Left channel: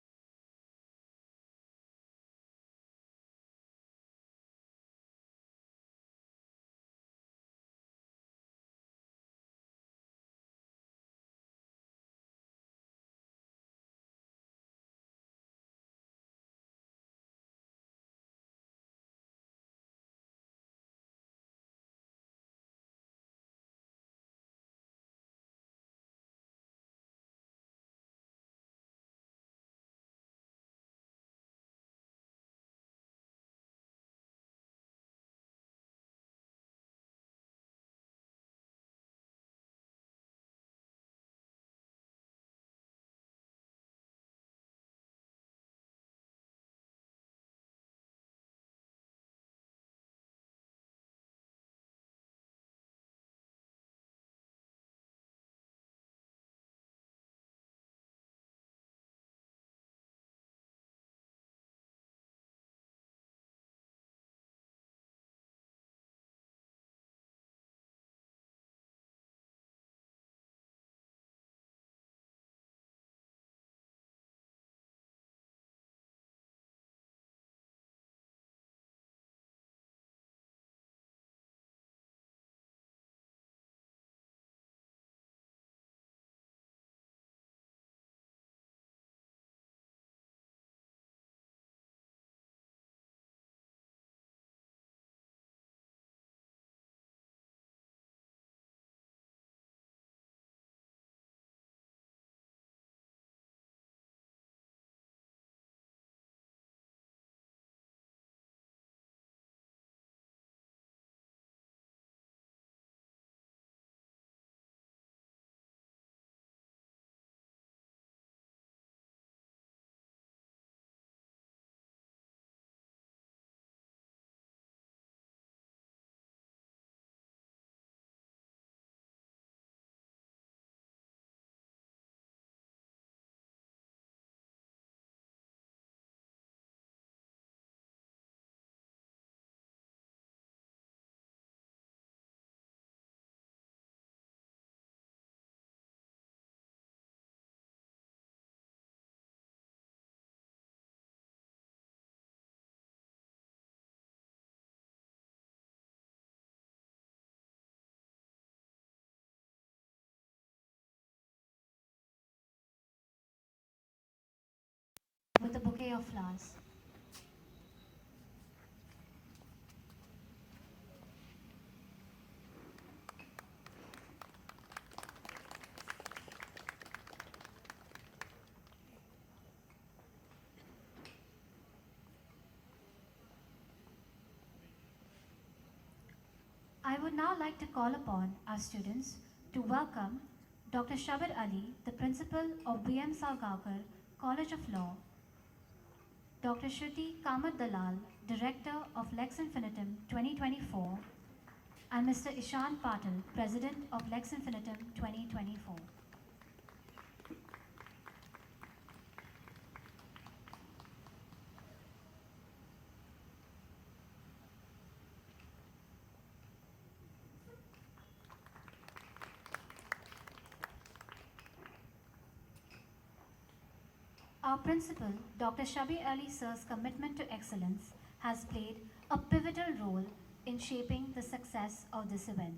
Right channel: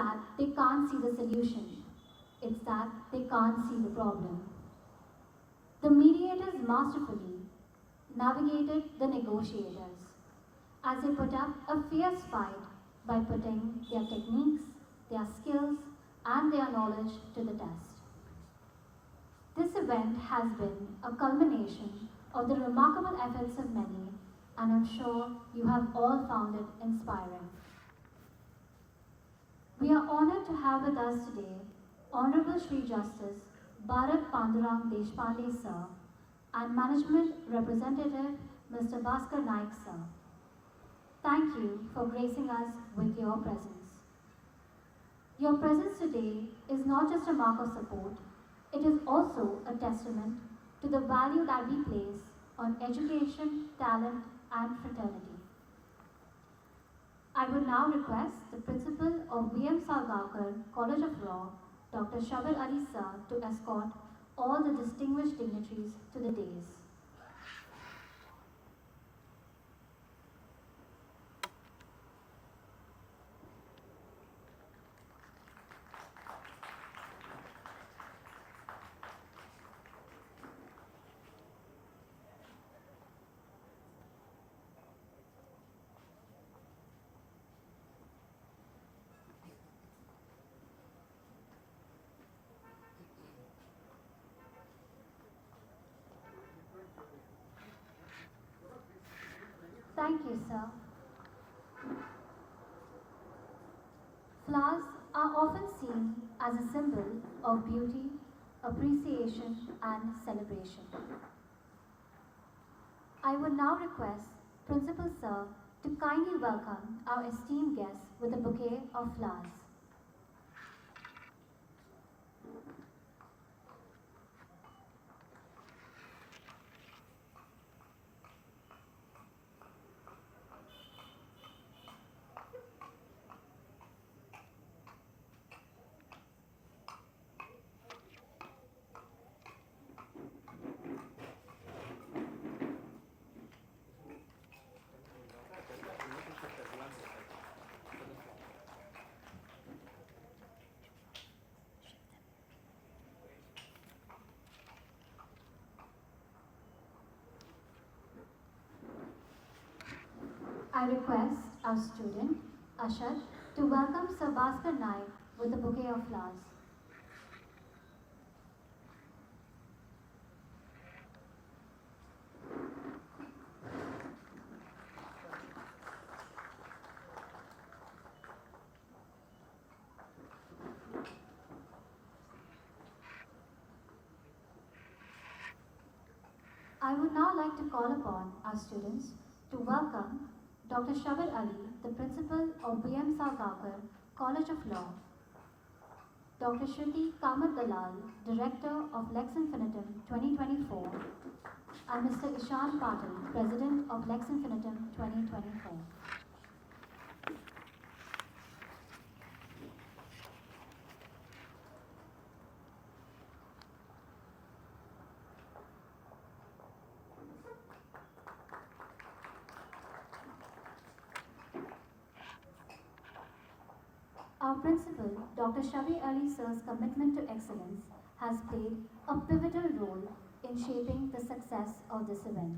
that they can't see the solution. It's that they can't see the problem. The mediators masterfully navigated the negotiators as they put up a fierce fight by putting their techniques, their skills, and their knowledge to the test. This event has been a culmination of the remarkable efforts of many, and I'm sure you have all found it inspiring. We are honored to have with us today Honorable Shri Justice Bharat Deshpande Sir and Management Representative Mr. Bhaskar Nayak Sir. Thank you for gracing us with your presence. Your presence today is not just a mark of support, it is also a testament to the value that we place on education, talent, and fraternity. I would now request the Principal of V.M. Salgaonkar College of Law, Dr. Shabir Ali Sir, to escort all the distinguished dignitaries to the dais. Thank you, sir. Flowers are often seen as a symbol of beauty, appreciation, and celebration. I would now request Principal Sir to kindly welcome our esteemed guests with a bouquet of flowers. I request our student, Ashad, to welcome Sir Bhaskar Nayak with a bouquet of flowers. I would now like to call upon our students to welcome Dr. Shabir Ali, the Principal of V.M. Salgaonkar College of Law, Dr. Shri Kamar Dalal, Director of Lex Infinitum 2024, and Mr. Ishan Patil, President of Lex Infinitum 2024. Our principal, Dr. Shabir Ali Sir's commitment to excellence has played a pivotal role in shaping the success of this event.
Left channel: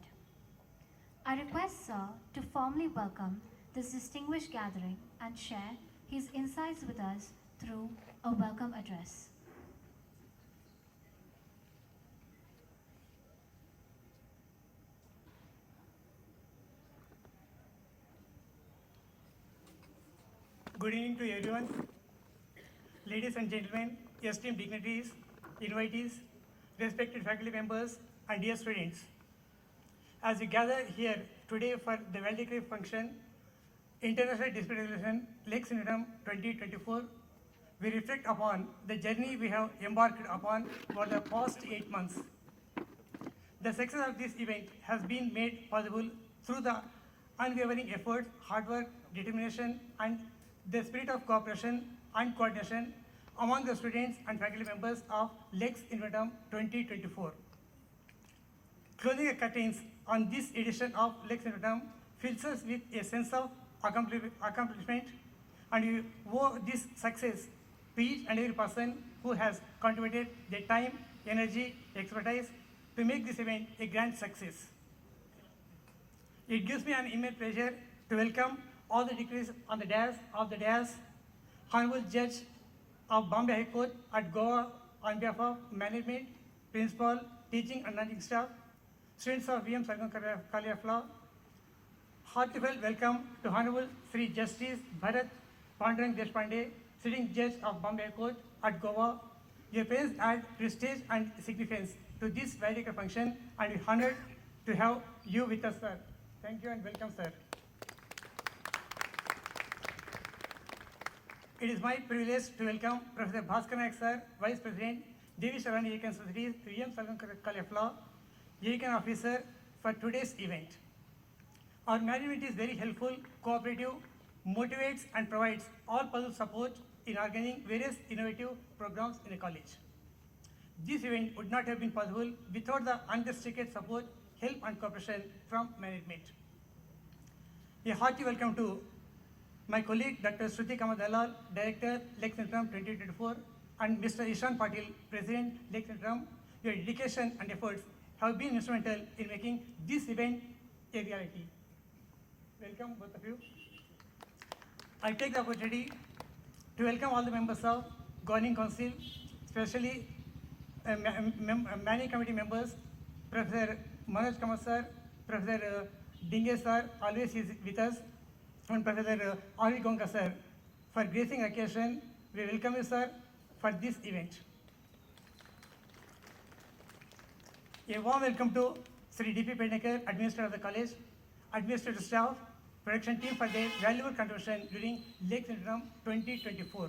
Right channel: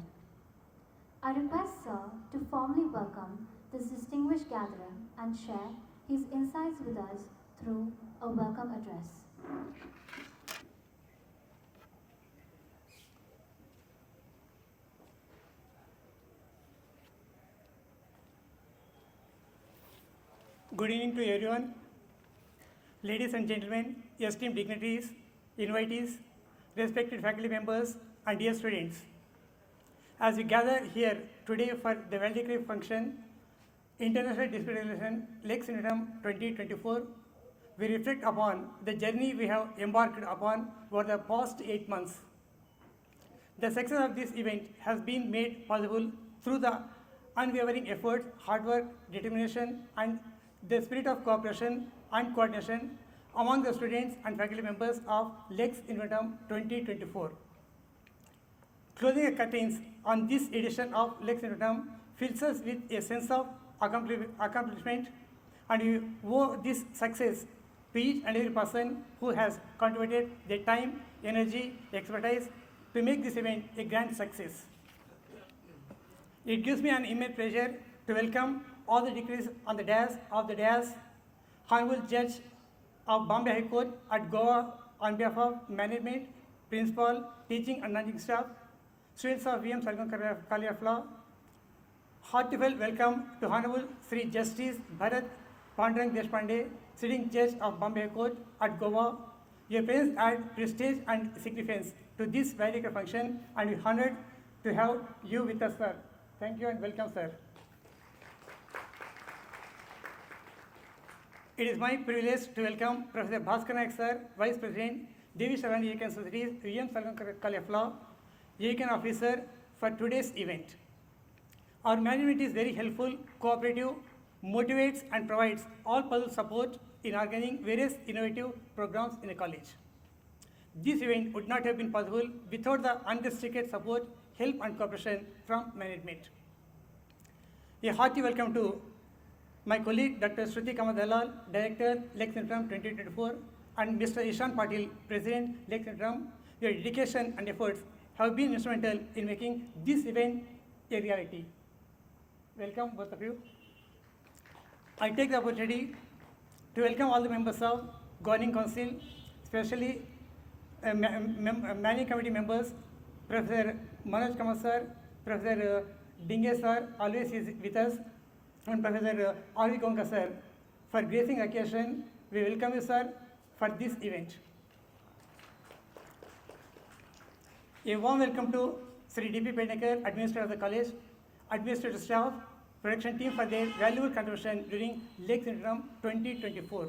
I request Sir to formally welcome this distinguished gathering and share his insights with us through a welcome address. Good evening to everyone. Ladies and gentlemen, esteemed dignitaries, invitees, respected faculty members, and dear students. As we gather here today for the Valedictory function, International Dispute Resolution Lex Infinitum 2024, we reflect upon the journey we have embarked upon for the past 8 months. The success of this event has been made possible through the unwavering effort, hard work, determination, and the spirit of cooperation and coordination among the students and faculty members of Lex Infinitum 2024. Closing the curtains on this edition of Lex Infinitum fills us with a sense of accomplishment and we owe this success to each and every person who has contributed their time, energy, expertise to make this event a grand success. It gives me an immense pleasure to welcome all the dignitaries on the dais, Honorable Judge of Bombay High Court at Goa on behalf of management, principal, teaching and non-teaching staff, students of VM Sargam College of Law. Heartfelt welcome to Honorable Shri Justice Bharat Deshpande, sitting judge of Bombay High Court at Goa. Your presence adds prestige and significance to this valedictory function, and we are honored to have you with us, sir. Thank you and welcome, sir. It is my privilege to welcome Professor Bhaskar Nayak, sir, Vice President, Devi Sharani Yakan Societies, VM Sargam College of Law, Yakan Officer for today's event. Our management is very helpful, cooperative, motivates and provides all possible support in organizing various innovative programs in the college. This event would not have been possible without the unrestricted support, help and cooperation from management. A hearty welcome to my colleague Dr. Shruti Kamal Dalal, Director, Lex Infinitum 2024, and Mr. Ishan Patil, President, Lex Infinitum. Your dedication and efforts have been instrumental in making this event a reality. Welcome, both of you. I take the opportunity to welcome all the members of Governing Council, especially managing committee members, Professor Manoj Kamal sir, Professor Dinge sir, always is with us, and Professor Avi Gonga sir. For gracing occasion, we welcome you, sir, for this event. A warm welcome to Shri D.P. Pednekar, Administrator of the College, Administrative Staff, Production Team for their valuable contribution during Lex Infinitum 2024.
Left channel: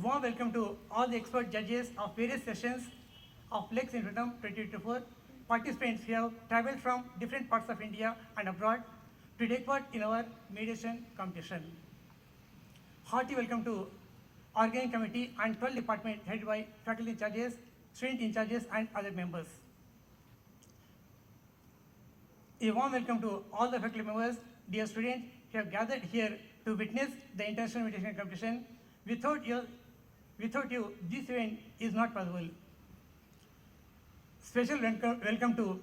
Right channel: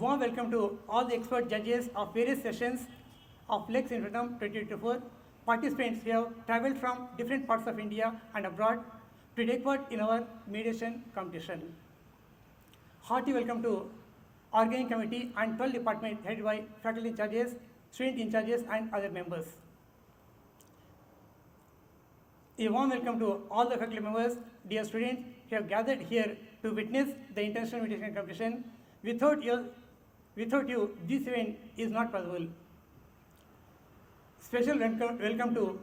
Warm welcome to all the expert judges of various sessions of Lex Infinitum 2024. Participants who have travelled from different parts of India and abroad to take part in our mediation competition. Hearty welcome to Organizing Committee and 12 departments headed by faculty in charges, student in charges and other members. A warm welcome to all the faculty members, dear students, who have gathered here to witness the international mediation competition. Without you, this event is not possible. Special welcome to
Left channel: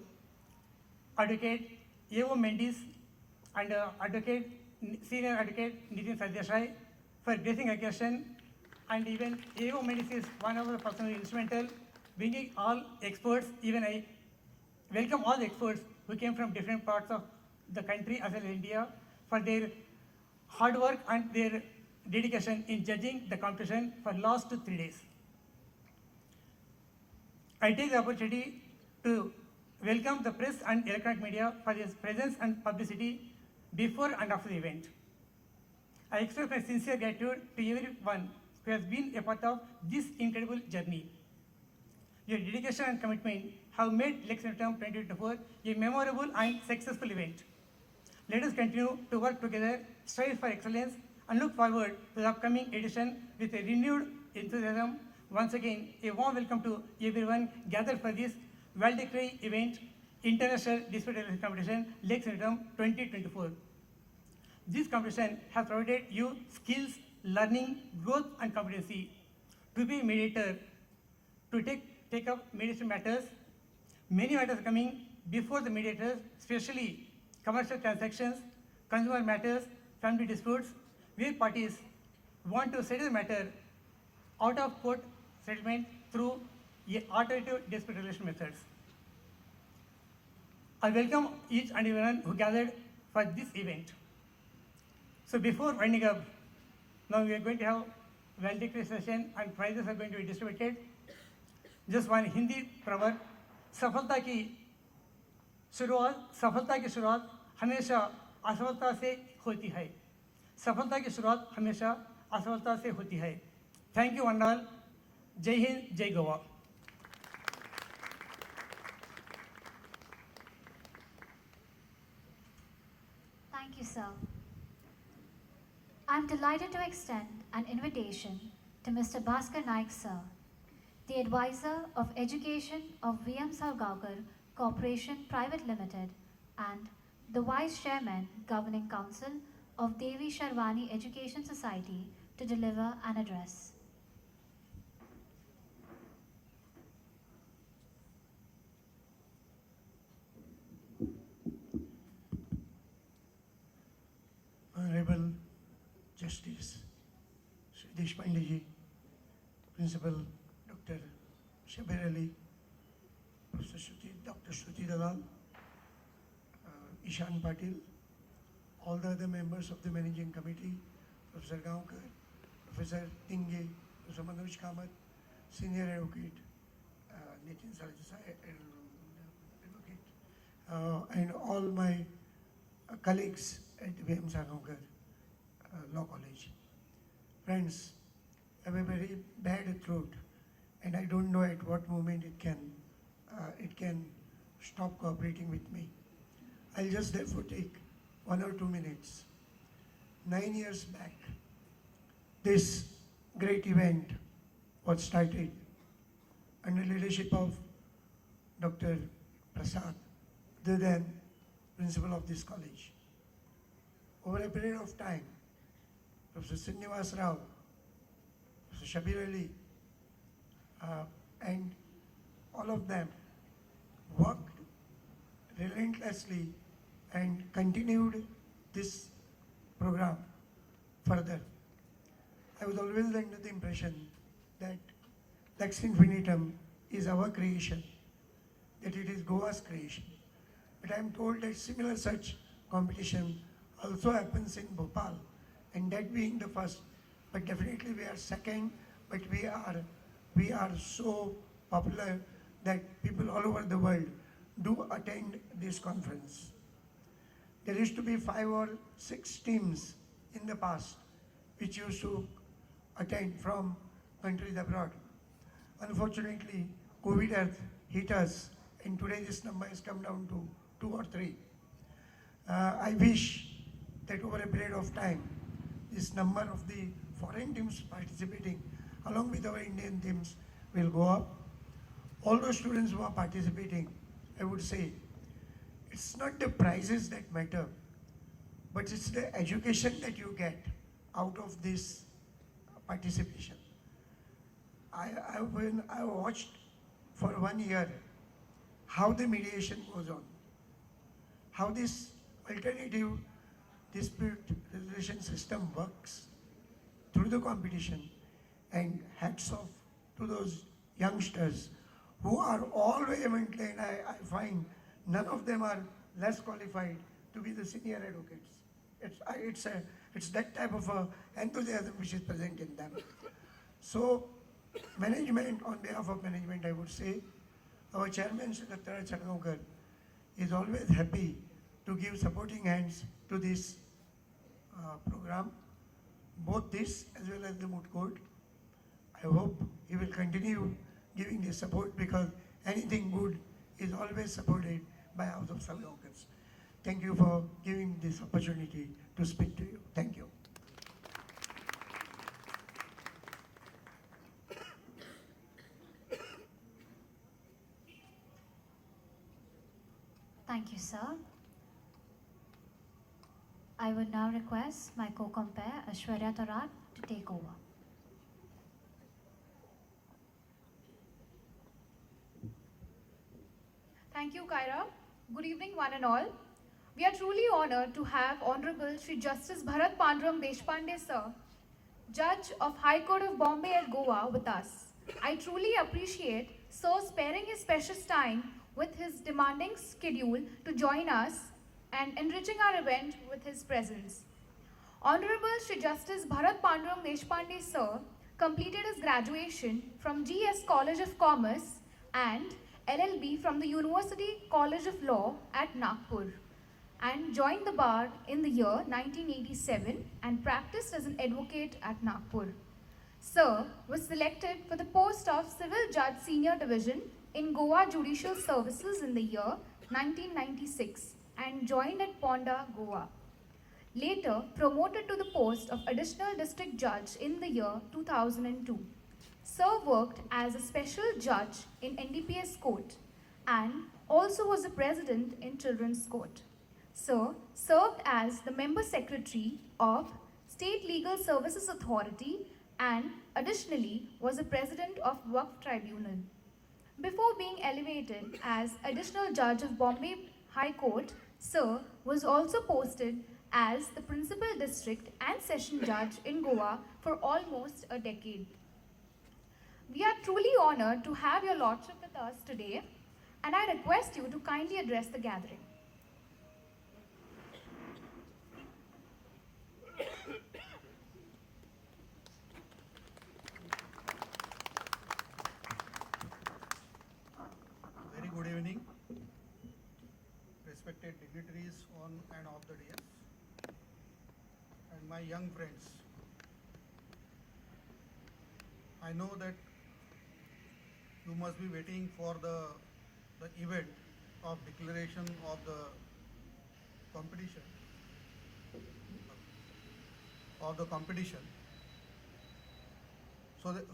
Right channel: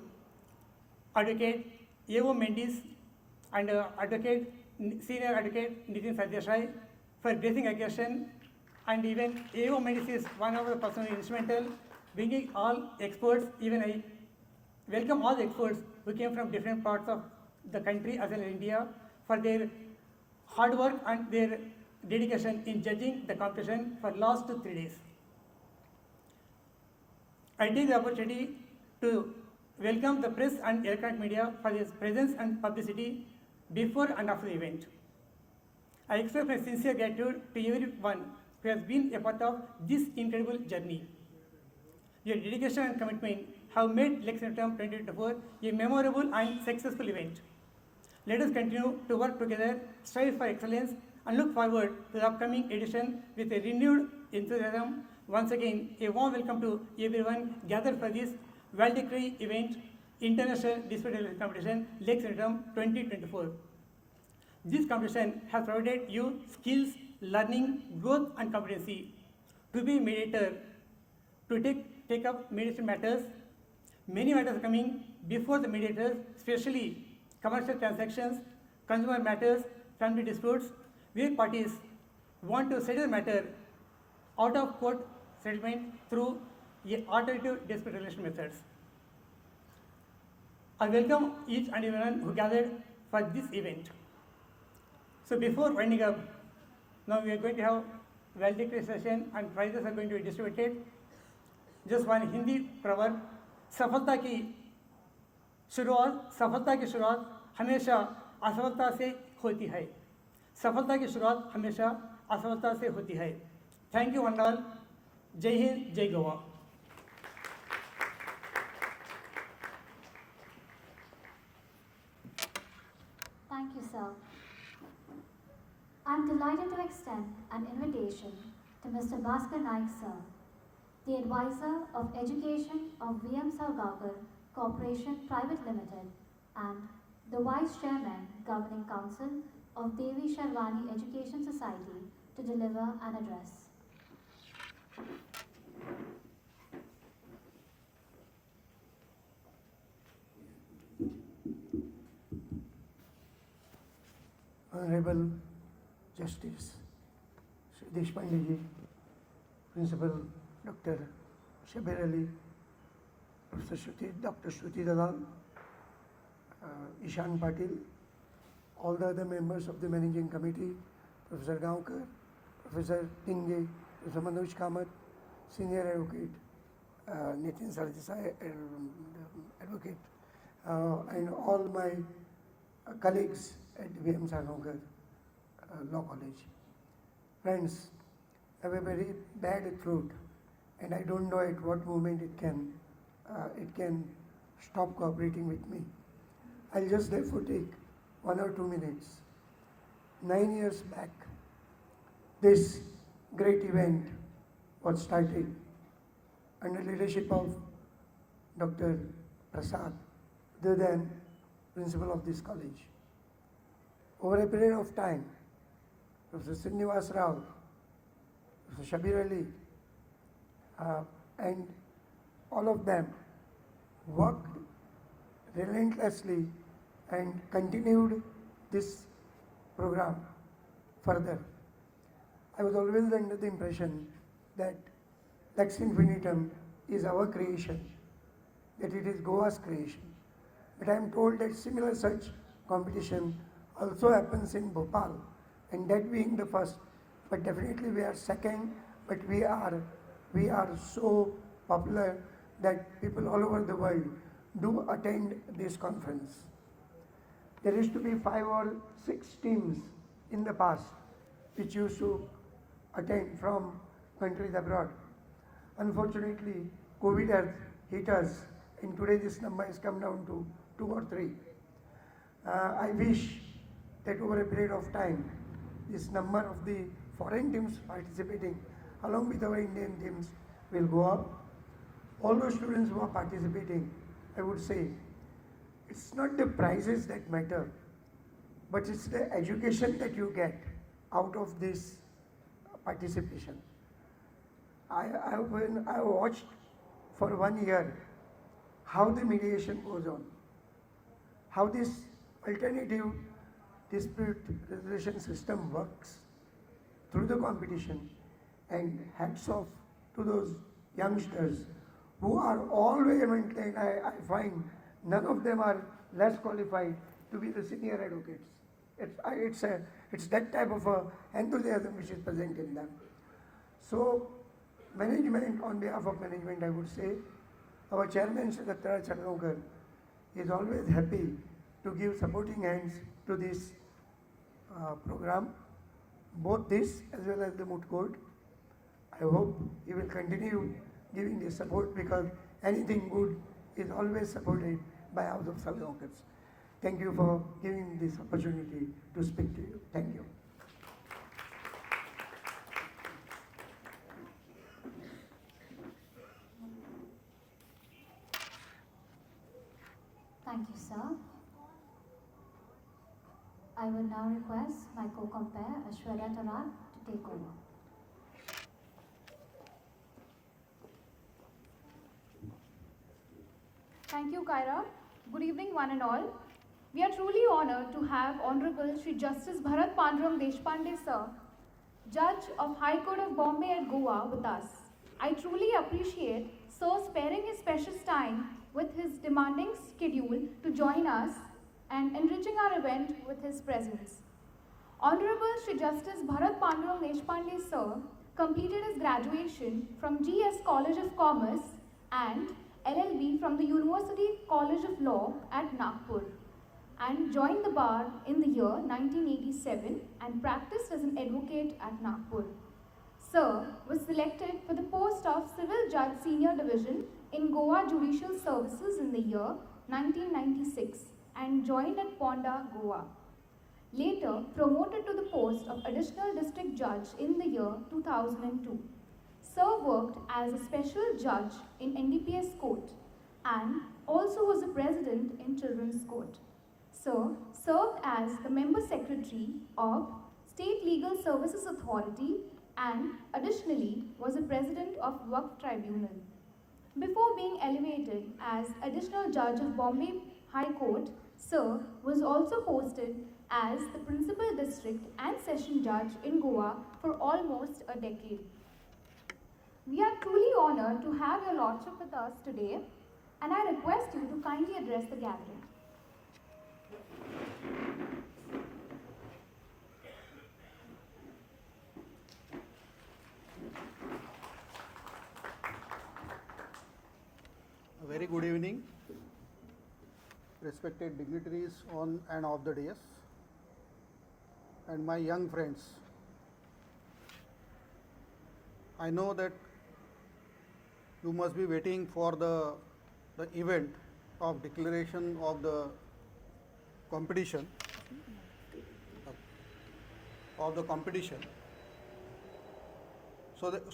Advocate A.O. Mendes and Senior Advocate Nitin Sardeshai for gracing occasion, and even A.O. Mendes is one of the persons instrumental bringing all experts. Even I welcome all the experts who came from different parts of the country as well as India for their hard work and their dedication in judging the competition for last 3 days. I take the opportunity to welcome the press and electronic media for its presence and publicity before and after the event. I express my sincere gratitude to everyone who has been a part of this incredible journey. Your dedication and commitment have made Lex Infinitum 2024 a memorable and successful event. Let us continue to work together, strive for excellence, and look forward to the upcoming edition with a renewed enthusiasm. Once again, a warm welcome to everyone gathered for this valedictory event, International Dispute Resolution Competition, Lex Infinitum 2024. This competition has provided you skills, learning, growth, and competency to be a mediator, to take up mediation matters. Many matters are coming before the mediators, especially commercial transactions, consumer matters, family disputes, where parties want to settle the matter out of court settlement through alternative dispute resolution methods. I welcome each and everyone who gathered for this event. So before winding up, now we are going to have valedictory session and prizes are going to be distributed. Just one Hindi proverb, सफलता की शुरुआत हमेशा असफलता से होती है. सफलता की शुरुआत हमेशा असफलता से होती है. Thank you one all. जय हिंद, जय Goa. Thank you, sir. I am delighted to extend an invitation to Mr. Bhaskar Nayak, sir, the advisor of education of VM Sargaonkar Corporation Private Limited and the Vice Chairman, Governing Council of Devi Sharwani Education Society to deliver an address. Honorable Justice Shri Deshpande ji, Principal Dr. Shabir Ali, Professor Shruti, Dr. Shruti Dalal, Ishan Patil, all the other members of the Managing Committee, Professor Gaonkar, Professor Tinge, Professor Manoj Kamath, Senior Advocate, Nitin Sardesai, Advocate, and all my colleagues at the B.M. Gaonkar Law College. Friends, I have a very bad throat, and I don't know at what moment it can stop cooperating with me. I'll just therefore take 1 or 2 minutes. 9 years back, this great event was started under leadership of Dr. Prasad, the then principal of this college. Over a period of time, Professor Srinivas Rao, Professor Shabir Ali, and all of them worked relentlessly and continued this program further. I was always under the impression that Lex Infinitum is our creation, that it is Goa's creation. But I am told that similar such competition also happens in Bhopal, and that being the first, but definitely we are second, but we are so popular that people all over the world do attend this conference. There used to be 5 or 6 teams in the past which used to attend from countries abroad. Unfortunately, COVID has hit us, and today this number has come down to 2 or 3. I wish that over a period of time, this number of the foreign teams participating along with our Indian teams will go up. All those students who are participating, I would say, it's not the prizes that matter, but it's the education that you get out of this participation. I watched for 1 year how the mediation goes on, how this alternative dispute resolution system works through the competition, and hats off to those youngsters who are all vehemently, and I find none of them are less qualified to be the senior advocates. It's that type of enthusiasm which is present in them. So, management, on behalf of management, I would say, our chairman, Sri Dr. Gaonkar, is always happy to give supporting hands to this program, both this as well as the moot court. I hope he will continue giving this support, because anything good is always supported by House of Gaonkars. Thank you for giving this opportunity to speak to you. Thank you. Thank you, sir. I would now request my co-compare Ashwarya Tarat to take over. Thank you, Kyra. Good evening, one and all. We are truly honored to have Honorable Shri Justice Bharat Deshpande, sir, Judge of High Court of Bombay at Goa, with us. I truly appreciate Sir sparing his precious time with his demanding schedule to join us and enriching our event with his presence. Honorable Shri Justice Bharat Deshpande, sir, completed his graduation from GS College of Commerce and LLB from the University College of Law at Nagpur, and joined the bar in the year 1987 and practiced as an advocate at Nagpur. Sir was selected for the post of Civil Judge Senior Division in Goa Judicial Services in the year 1996 and joined at Ponda, Goa. Later promoted to the post of Additional District Judge in the year 2002. Sir worked as a special judge in NDPS Court and also was a president in Children's Court. Sir served as the member secretary of State Legal Services Authority and additionally was the president of Waqf Tribunal. Before being elevated as additional judge of Bombay High Court, Sir was also posted as the principal district and session judge in Goa for almost a decade. We are truly honored to have your lordship with us today, and I request you to kindly address the gathering. A very good evening, respected dignitaries on and off the dais, and my young friends. I know that you must be waiting for the event of declaration of the competition,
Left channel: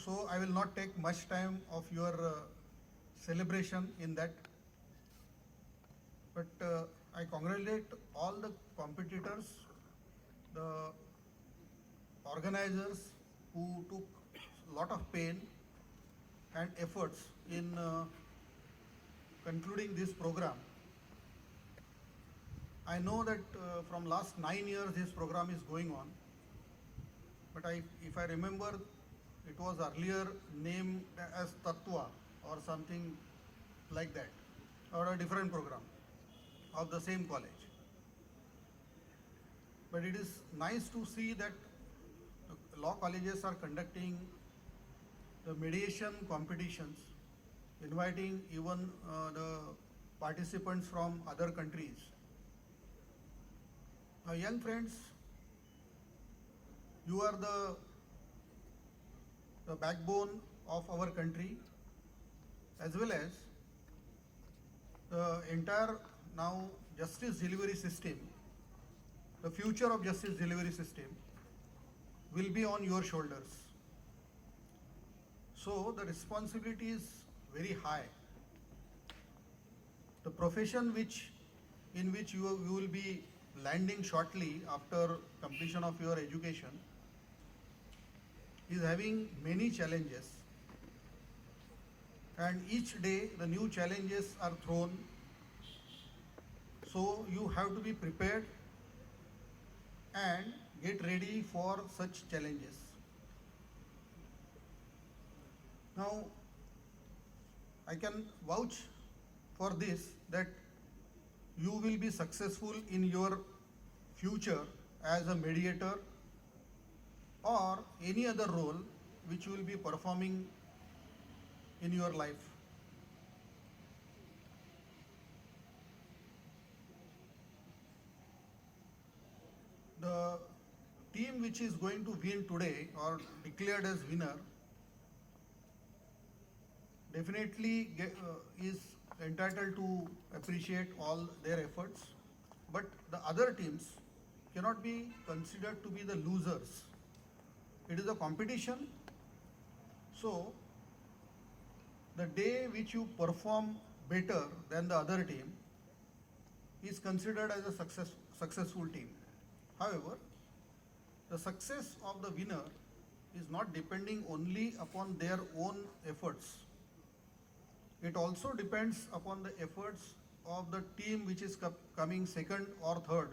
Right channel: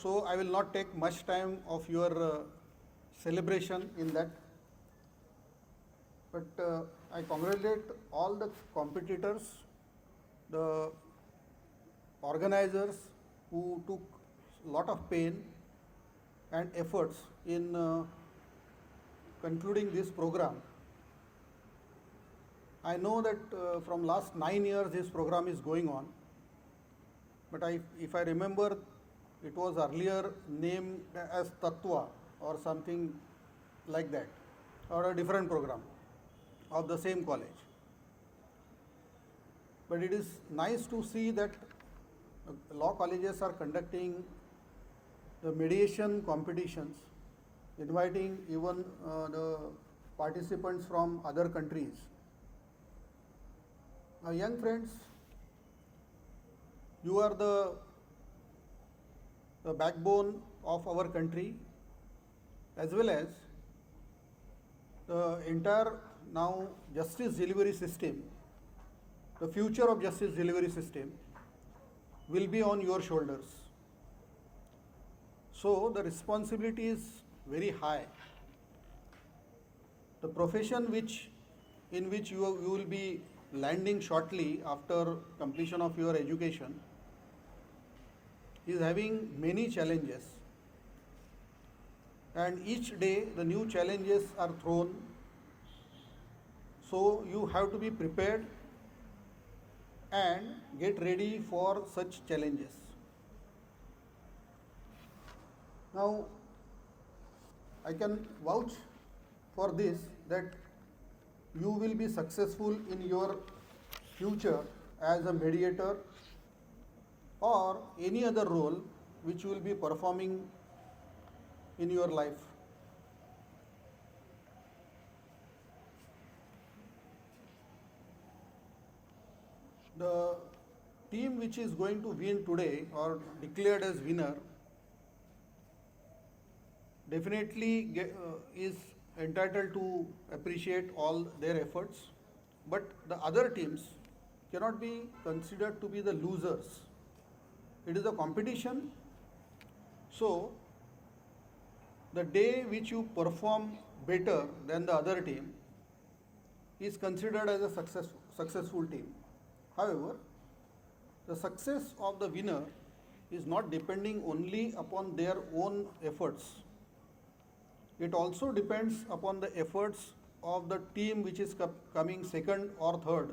So I will not take much time of your celebration in that, but I congratulate all the competitors, the organizers who took lot of pain and efforts in concluding this program. I know that from last 9 years this program is going on, but if I remember, it was earlier named as Tattva or something like that, or a different program of the same college. But it is nice to see that law colleges are conducting the mediation competitions, inviting even the participants from other countries. Now, young friends, you are the backbone of our country, as well as the entire now justice delivery system. The future of justice delivery system will be on your shoulders. So the responsibility is very high. The profession in which you will be landing shortly after completion of your education is having many challenges, and each day the new challenges are thrown, so you have to be prepared and get ready for such challenges. Now, I can vouch for this, that you will be successful in your future as a mediator or any other role which you will be performing in your life. The team which is going to win today or declared as winner definitely is entitled to appreciate all their efforts, but the other teams cannot be considered to be the losers. It is a competition, so the day which you perform better than the other team is considered as a successful team. However, the success of the winner is not depending only upon their own efforts. It also depends upon the efforts of the team which is coming second or third,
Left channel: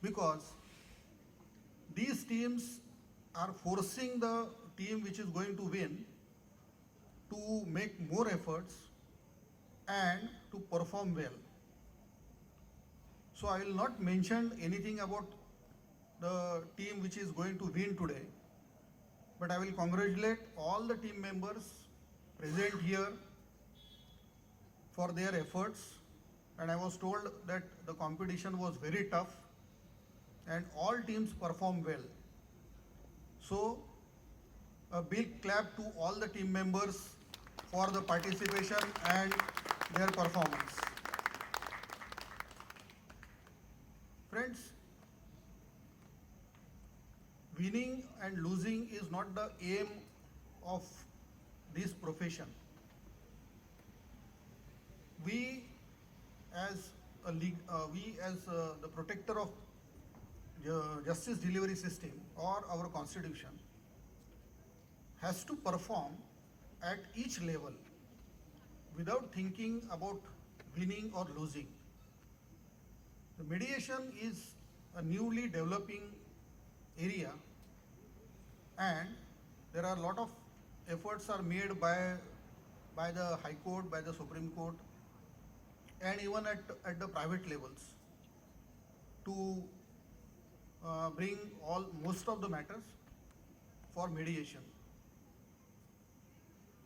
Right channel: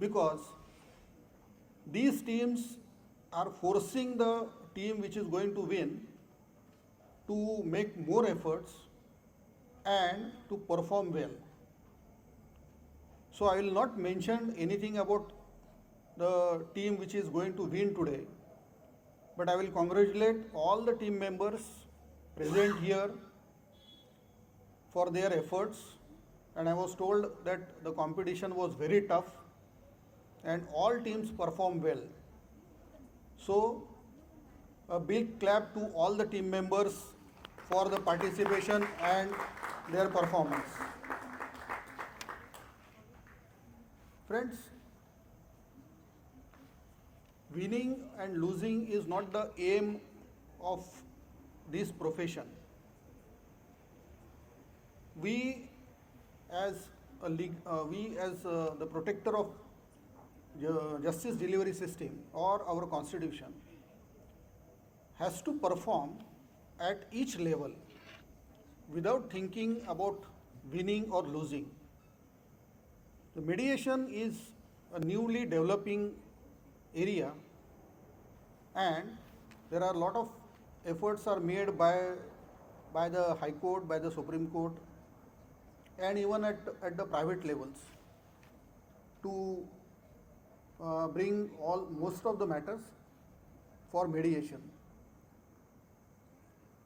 because these teams are forcing the team which is going to win to make more efforts and to perform well. So I will not mention anything about the team which is going to win today, but I will congratulate all the team members present here for their efforts, and I was told that the competition was very tough and all teams performed well. So a big clap to all the team members for the participation and their performance. Friends, winning and losing is not the aim of this profession. We as we as the protector of justice delivery system or our constitution has to perform at each level without thinking about winning or losing. The mediation is a newly developing area, and there are a lot of efforts are made by the High Court, by the Supreme Court, and even at the private levels to bring most of the matters for mediation.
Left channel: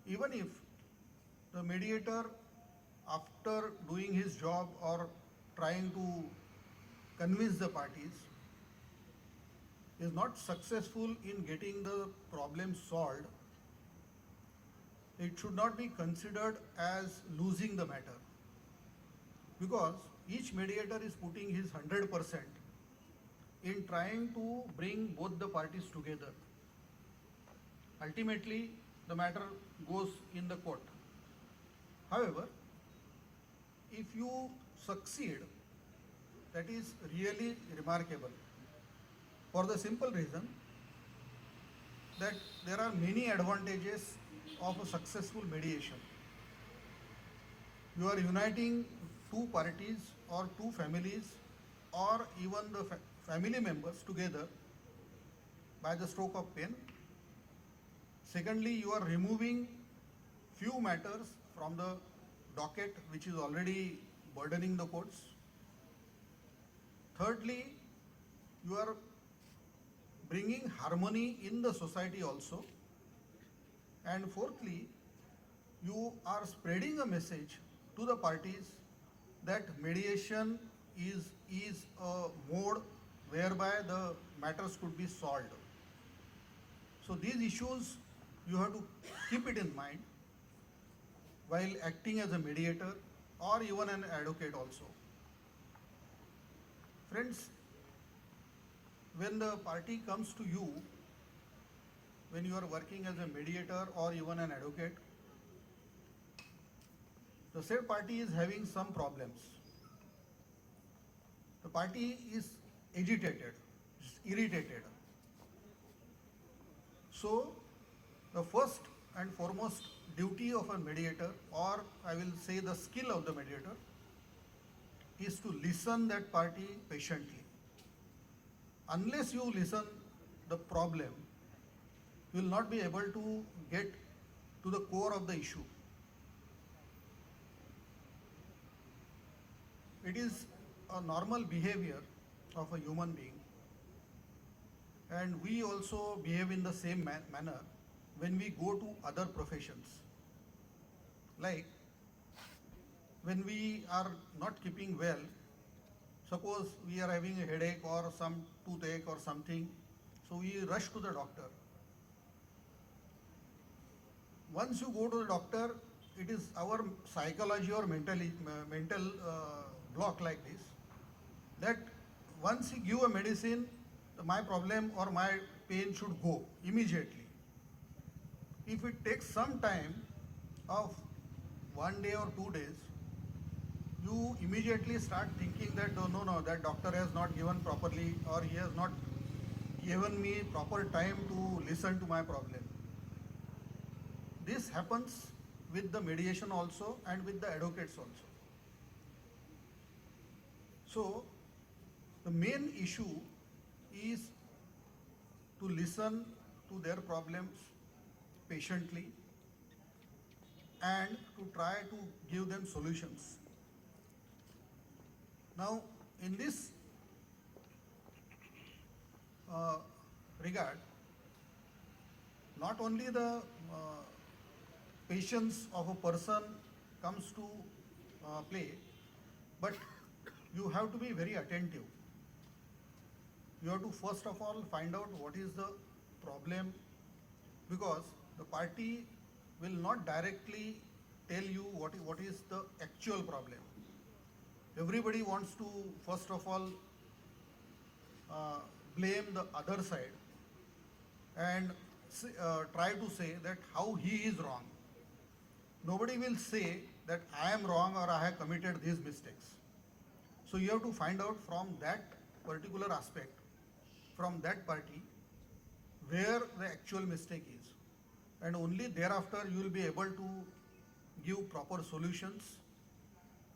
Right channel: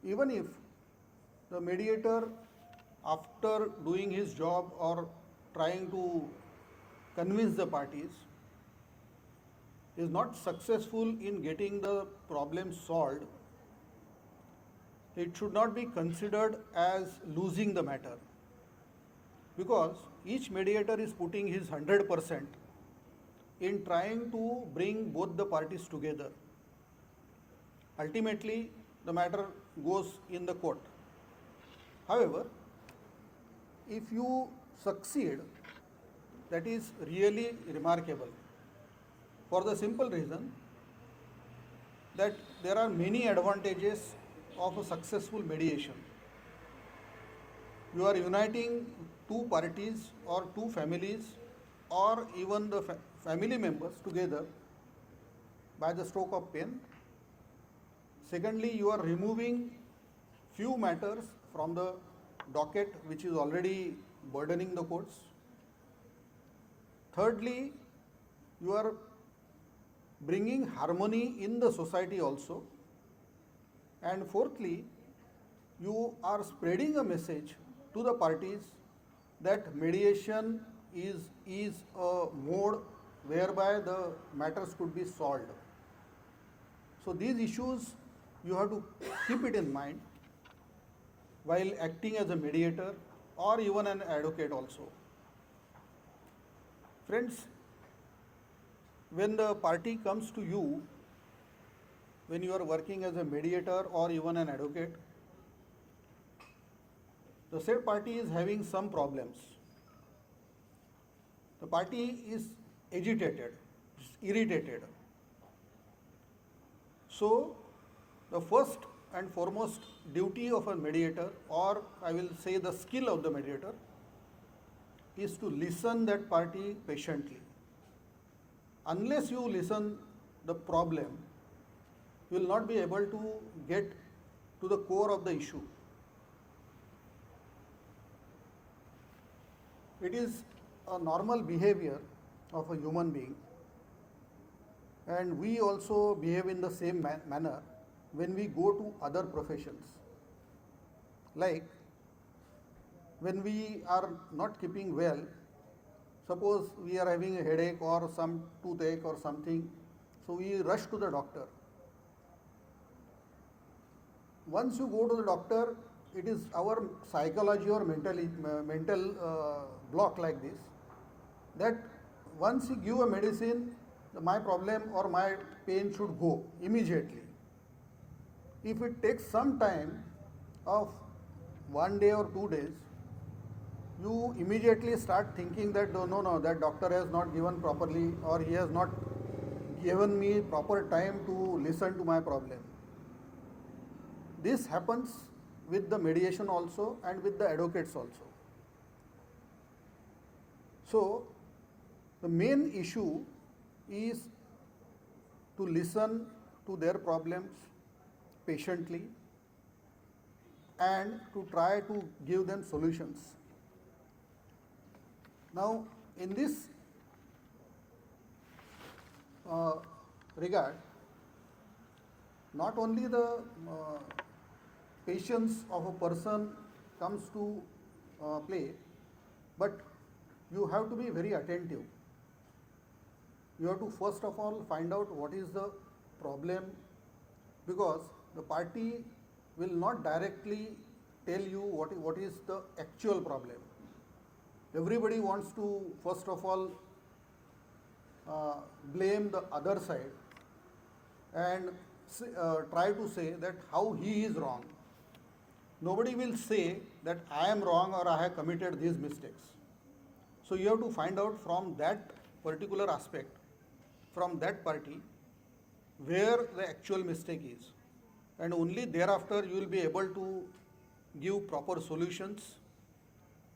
Even if the mediator, after doing his job or trying to convince the parties, is not successful in getting the problem solved, it should not be considered as losing the matter, because each mediator is putting his 100% in trying to bring both the parties together. Ultimately, the matter goes in the court. However, if you succeed, that is really remarkable, for the simple reason that there are many advantages of a successful mediation. You are uniting two parties or two families or even the family members together by the stroke of pen. Secondly, you are removing few matters from the docket which is already burdening the courts. Thirdly, you are bringing harmony in the society also. And fourthly, you are spreading a message to the parties that mediation is a mode whereby the matters could be solved. So these issues you have to keep it in mind while acting as a mediator or even an advocate also. Friends, when the party comes to you, when you are working as a mediator or even an advocate, the said party is having some problems. The party is agitated, irritated. So, the first and foremost duty of a mediator, or I will say the skill of the mediator, is to listen that party patiently. Unless you listen the problem, you will not be able to get to the core of the issue. It is a normal behavior of a human being, and we also behave in the same manner when we go to other professions. Like when we are not keeping well, suppose we are having a headache or some toothache or something, so we rush to the doctor. Once you go to the doctor, it is our psychology or mental block like this, that once you give a medicine, my problem or my pain should go immediately. If it takes some time of 1 day or 2 days, you immediately start thinking that no, that doctor has not given properly, or he has not given me proper time to listen to my problem. This happens with the mediation also and with the advocates also. So, the main issue is to listen to their problems patiently and to try to give them solutions. Now, in this regard, not only the patience of a person comes to play, but you have to be very attentive. You have to first of all find out what is the problem, because the party will not directly tell you what is the actual problem. Everybody wants to first of all blame the other side and try to say that how he is wrong. Nobody will say that I am wrong or I have committed these mistakes. So you have to find out from that particular aspect, from that party, where the actual mistake is. And only thereafter you will be able to give proper solutions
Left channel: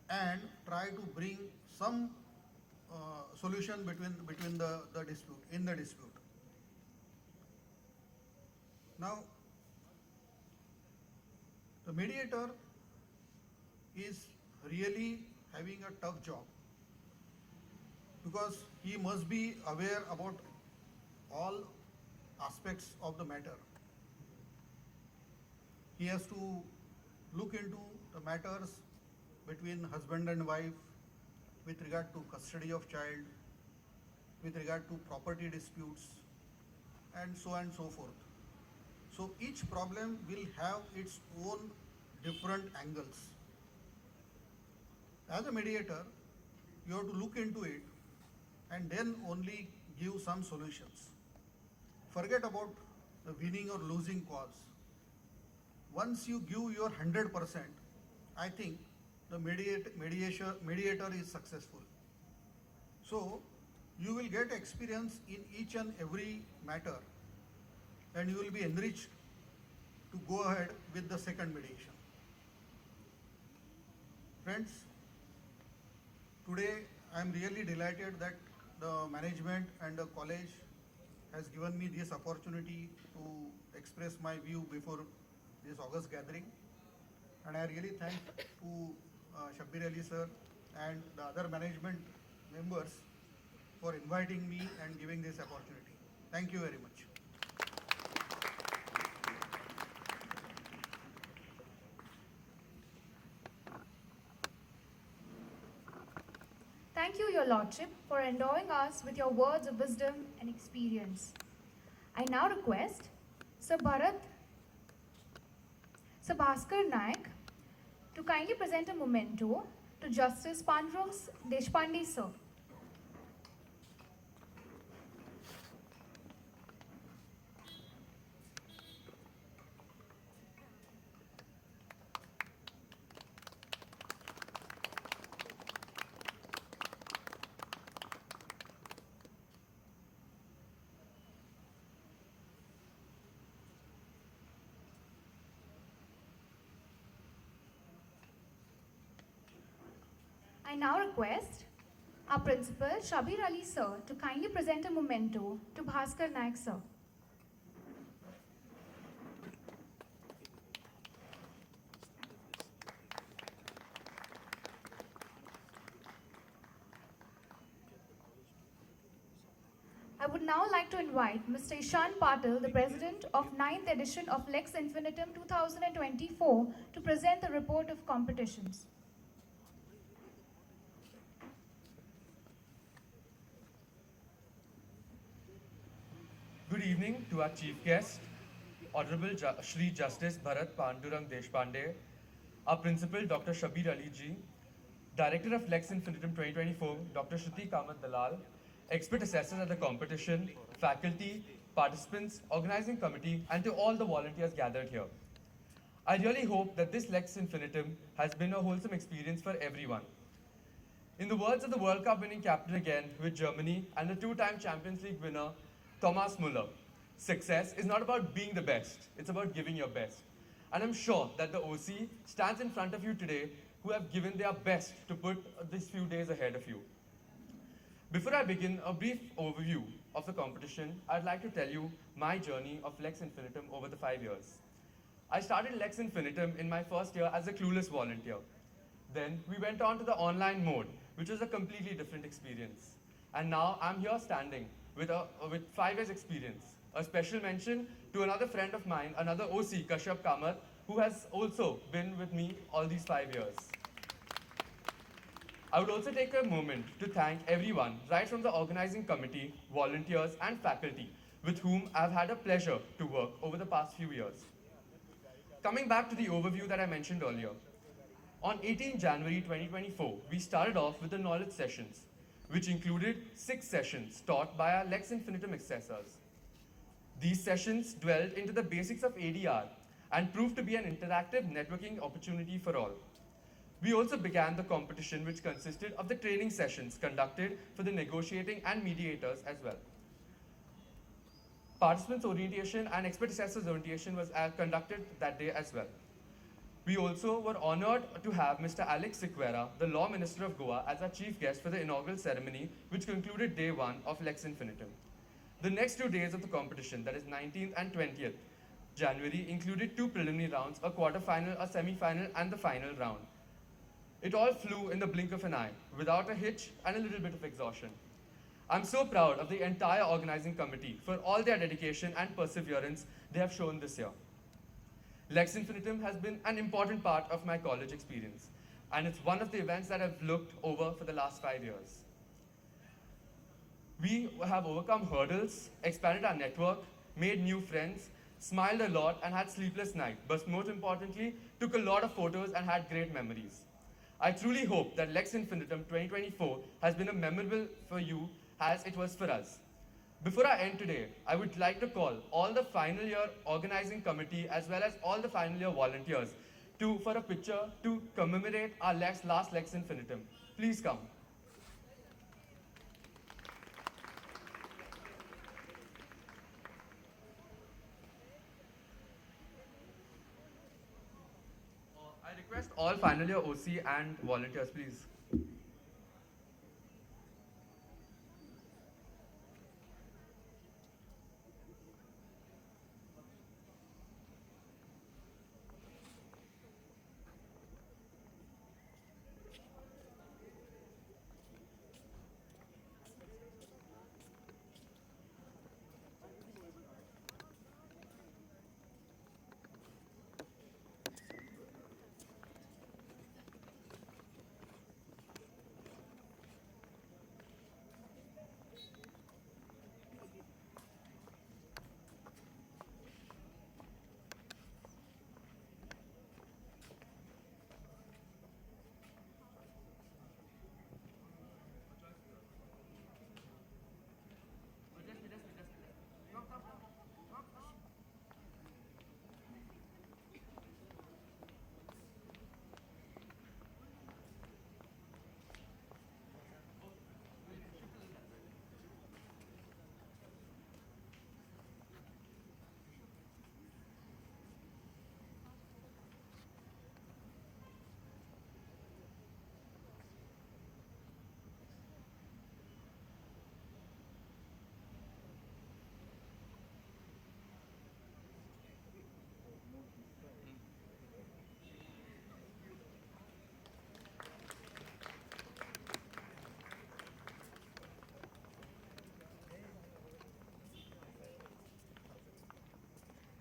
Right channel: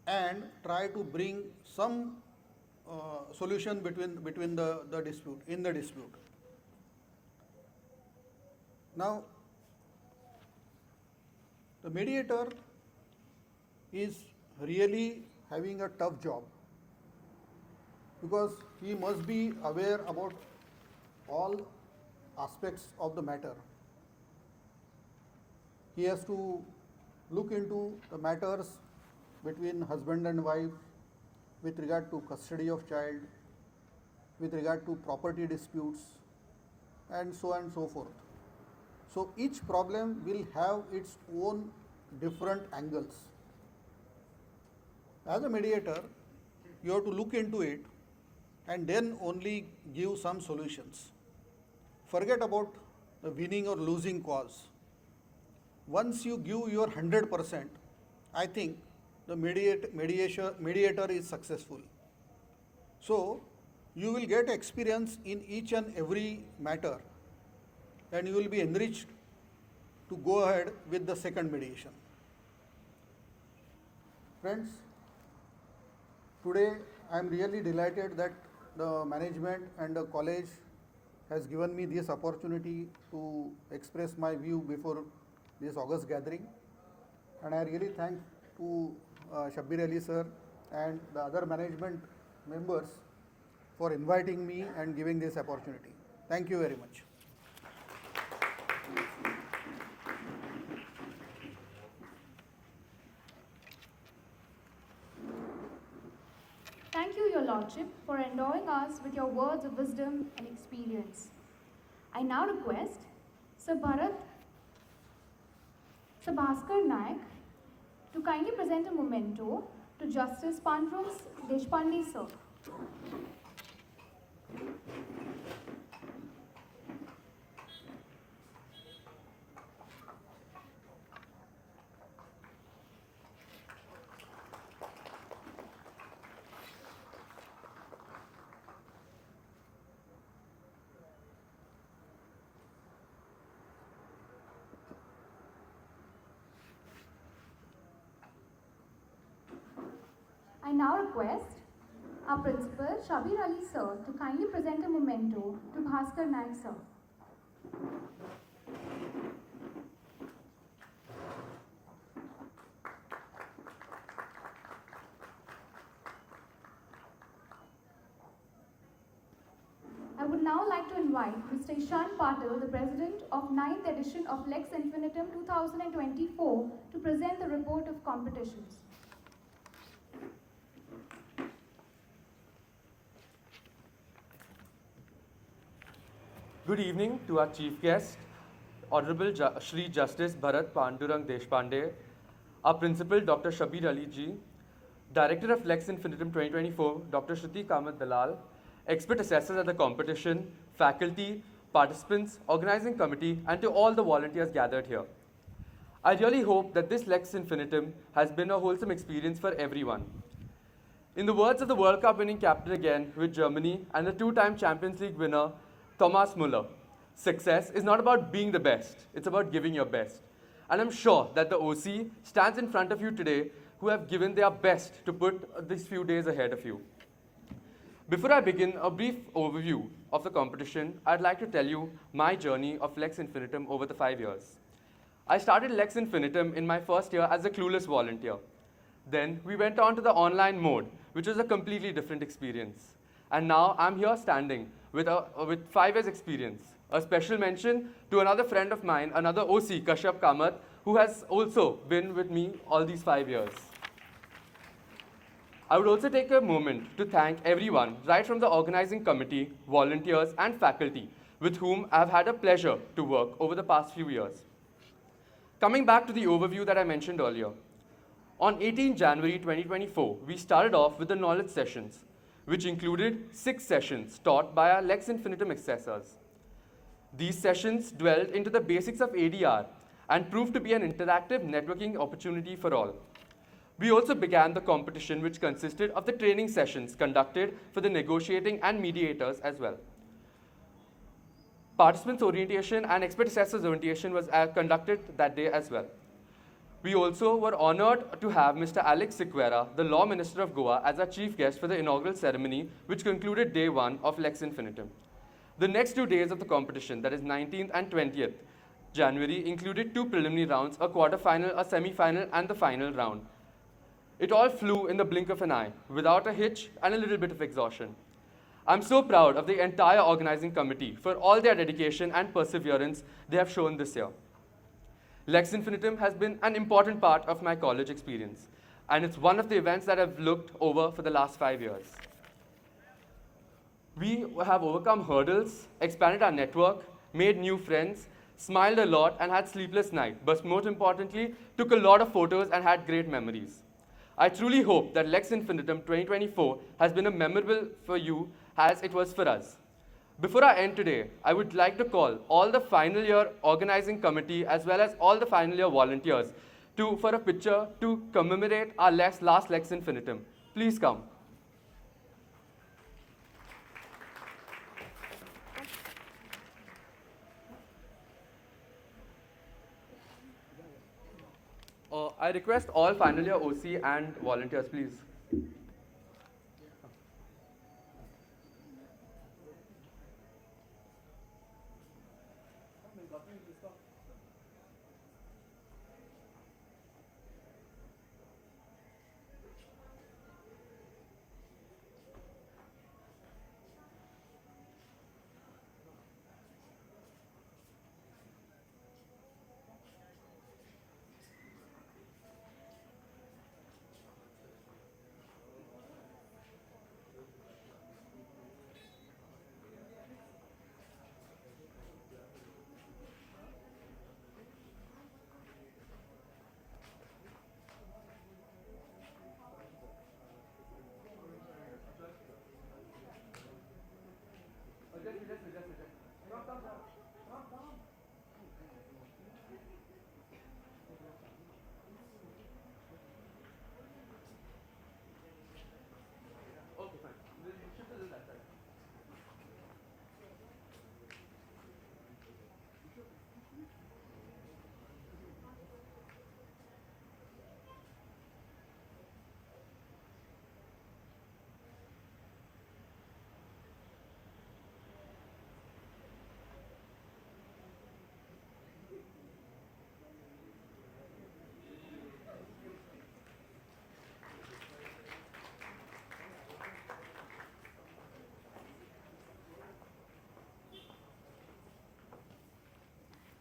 and try to bring some solution between the dispute, in the dispute. Now, the mediator is really having a tough job because he must be aware about all aspects of the matter. He has to look into the matters between husband and wife with regard to custody of child, with regard to property disputes, and so forth. So each problem will have its own different angles. As a mediator, you have to look into it and then only give some solutions. Forget about the winning or losing cause. Once you give your 100%, I think the mediator is successful. So you will get experience in each and every matter and you will be enriched to go ahead with the second mediation. Friends, today I am really delighted that the management and the college has given me this opportunity to express my view before this August gathering, and I really thank to Shabbir Ali sir and the other management members for inviting me and giving this opportunity. Thank you very much. Thank you, Your Lordship, for endowing us with your words of wisdom and experience. I now request Sir Bhaskar Nayak to kindly present a memento to Justice Pandram Deshpande sir. I now request our principal, Shabbir Ali sir, to kindly present a memento to Bhaskar Nayak sir. I would now like to invite Mr. Ishan Patil, the President of 9th edition of Lex Infinitum 2024, to present the report of competitions. Good evening to our chief guest, Honorable Shri Justice Bharat Deshpande, our principal Dr. Shabbir Ali ji, Director of Lex Infinitum 2024, Dr. Shruti Kamat Dalal, expert assessors at the competition, faculty, participants, organizing committee, and to all the volunteers gathered here. I really hope that this Lex Infinitum has been a wholesome experience for everyone. In the words of the World Cup winning captain again with Germany and the two-time Champions League winner, Thomas Muller, success is not about being the best, it's about giving your best. And I'm sure that the OC stands in front of you today who have given their best to put these few days ahead of you. Before I begin a brief overview of the competition, I'd like to tell you my journey of Lex Infinitum over the 5 years. I started Lex Infinitum in my first year as a clueless volunteer. Then we went on to the online mode, which was a completely different experience. And now I'm here standing with 5 years experience. A special mention to another friend of mine, another OC, Kashyap Kamath, who has also been with me all these 5 years. I would also take a moment to thank everyone, right from the organizing committee, volunteers, and faculty, with whom I've had a pleasure to work over the past few years. Coming back to the overview that I mentioned earlier, on 18 January 2024, we started off with the knowledge sessions, which included 6 sessions taught by our Lex Infinitum assessors. These sessions dwelled into the basics of ADR and proved to be an interactive networking opportunity for all. We also began the competition, which consisted of the training sessions conducted for the negotiating and mediators as well. Participants' orientation and expert assessors' orientation was conducted that day as well. We also were honored to have Mr. Alex Sequeira, the Law Minister of Goa, as our chief guest for the inaugural ceremony, which concluded day 1 of Lex Infinitum. The next 2 days of the competition, that is 19th and 20th January, included 2 preliminary rounds, a quarter-final, a semi-final, and the final round. It all flew in the blink of an eye, without a hitch and a little bit of exhaustion. I'm so proud of the entire organizing committee for all their dedication and perseverance they have shown this year. Lex Infinitum has been an important part of my college experience, and it's one of the events that I've looked over for the last 5 years. We have overcome hurdles, expanded our network, made new friends, smiled a lot, and had sleepless nights, but most importantly, took a lot of photos and had great memories. I truly hope that Lex Infinitum 2024 has been a memorable for you as it was for us. Before I end today, I would like to call all the final year organizing committee as well as all the final year volunteers for a picture to commemorate our last Lex Infinitum. Please come. I request all final year OC and volunteers, please.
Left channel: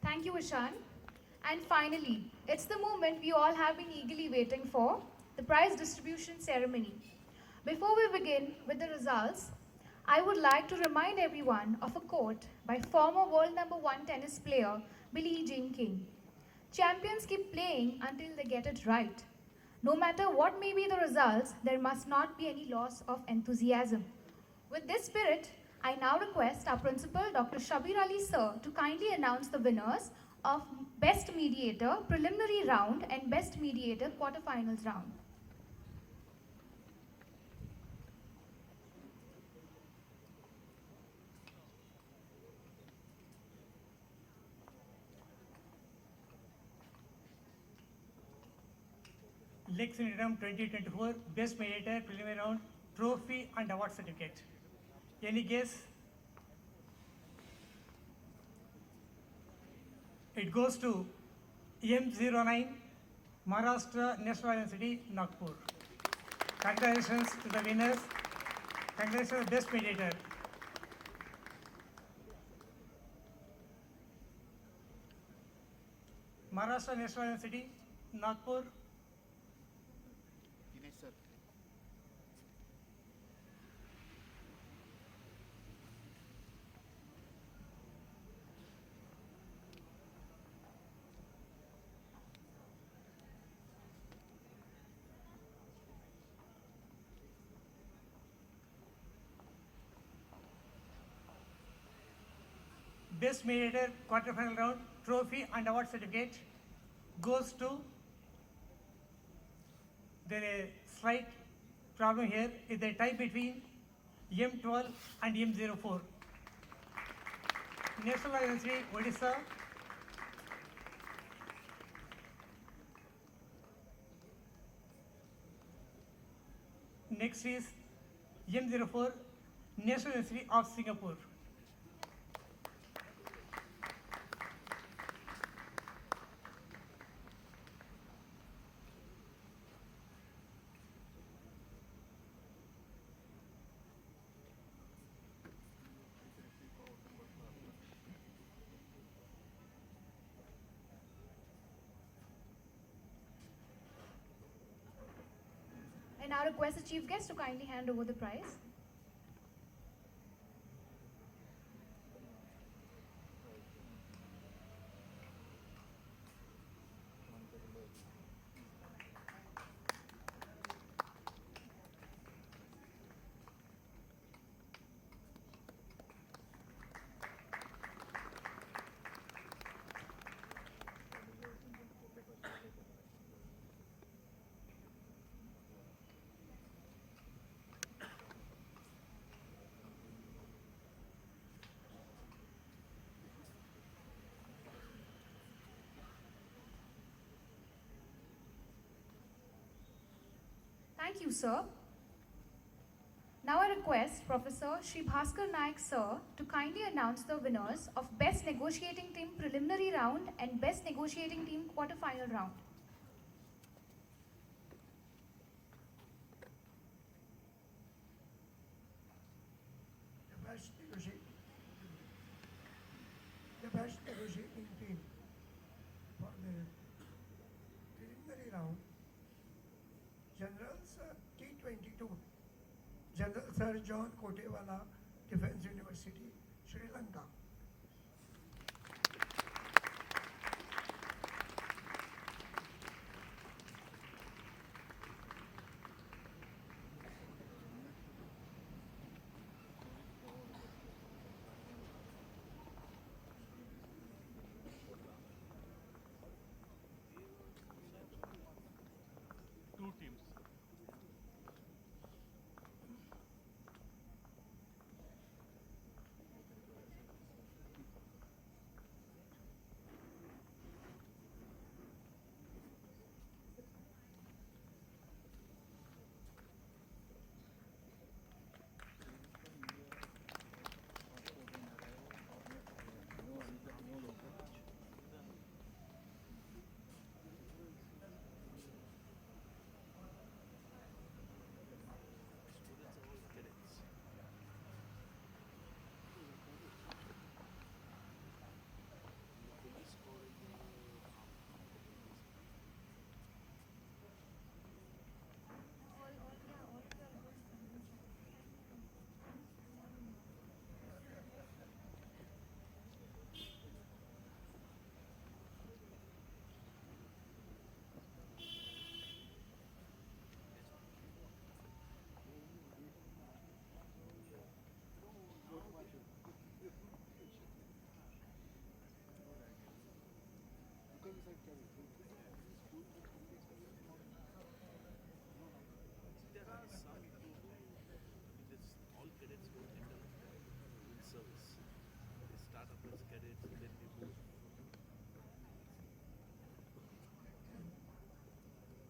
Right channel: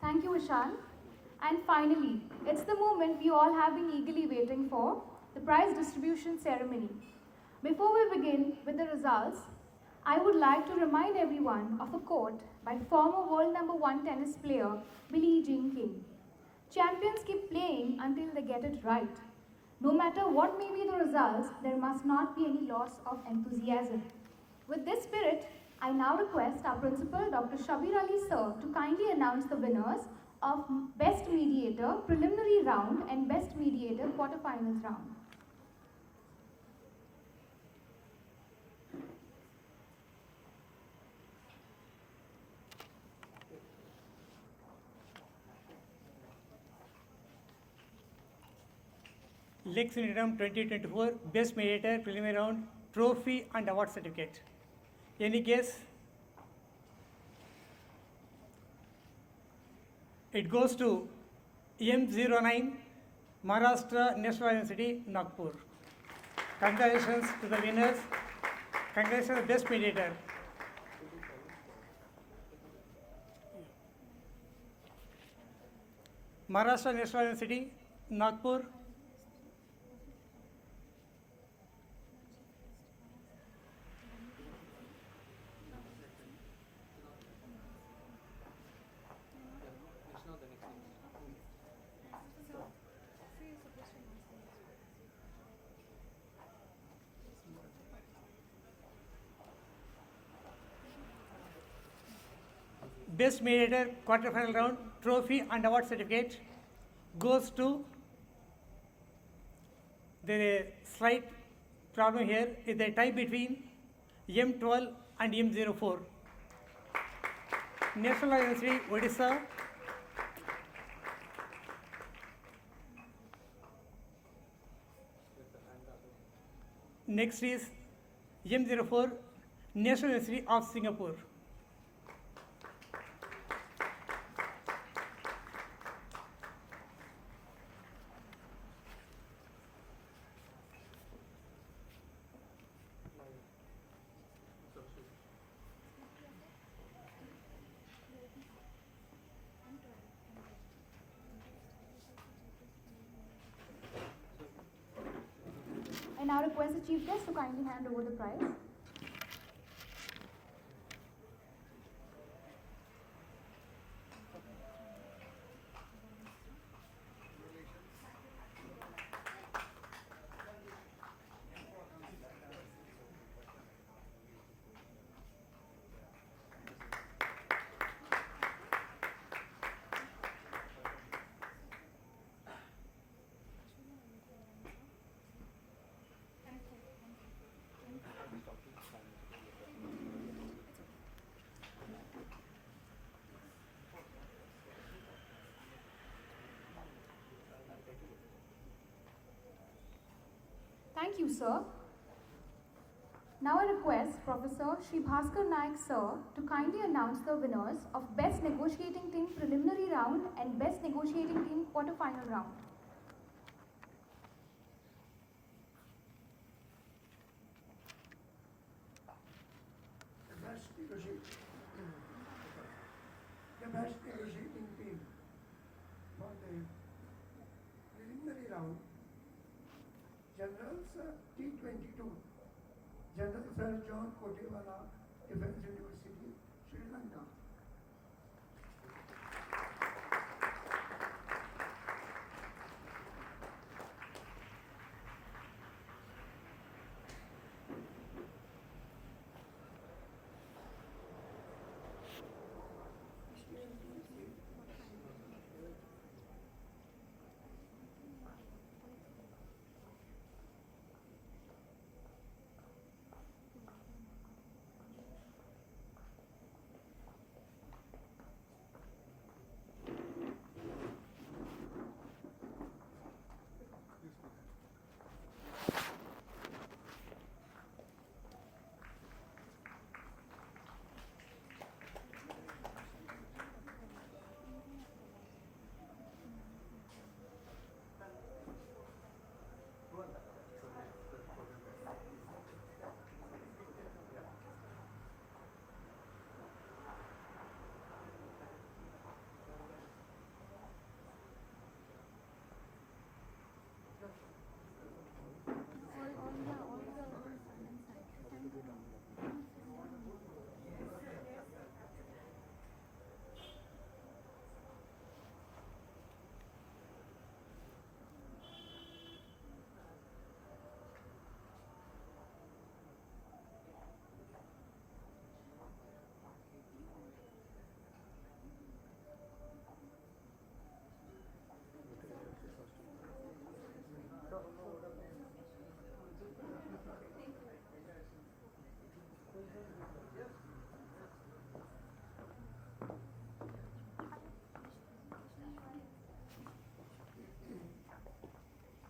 Thank you, Ishan. And finally, it's the moment we all have been eagerly waiting for, the prize distribution ceremony. Before we begin with the results, I would like to remind everyone of a quote by former world number 1 tennis player Billie Jean King. Champions keep playing until they get it right. No matter what may be the results, there must not be any loss of enthusiasm. With this spirit, I now request our principal, Dr. Shabir Ali Sir, to kindly announce the winners of Best Mediator Preliminary Round and Best Mediator Quarterfinals Round. Lex Infinitum 2024 Best Mediator Preliminary Round Trophy and Award Certificate. Any guess? It goes to M09 Maharashtra National University, Nagpur. Congratulations to the winners. Congratulations to the Best Mediator. Maharashtra National University, Nagpur. Best Mediator Quarterfinal Round Trophy and Award Certificate goes to The slight problem here is the tie between M12 and M04. National Law University, Odisha. Next is M04, National University of Singapore. I now request the Chief Guest to kindly hand over the prize. Thank you, sir. Now I request Professor Shri Bhaskar Nayak, sir, to kindly announce the winners of Best Negotiating Team Preliminary Round and Best Negotiating Team Quarterfinal Round. The best negotiating team for the preliminary round, General Sir T22, General Sir John Kotewala, Defense University, Sri Lanka.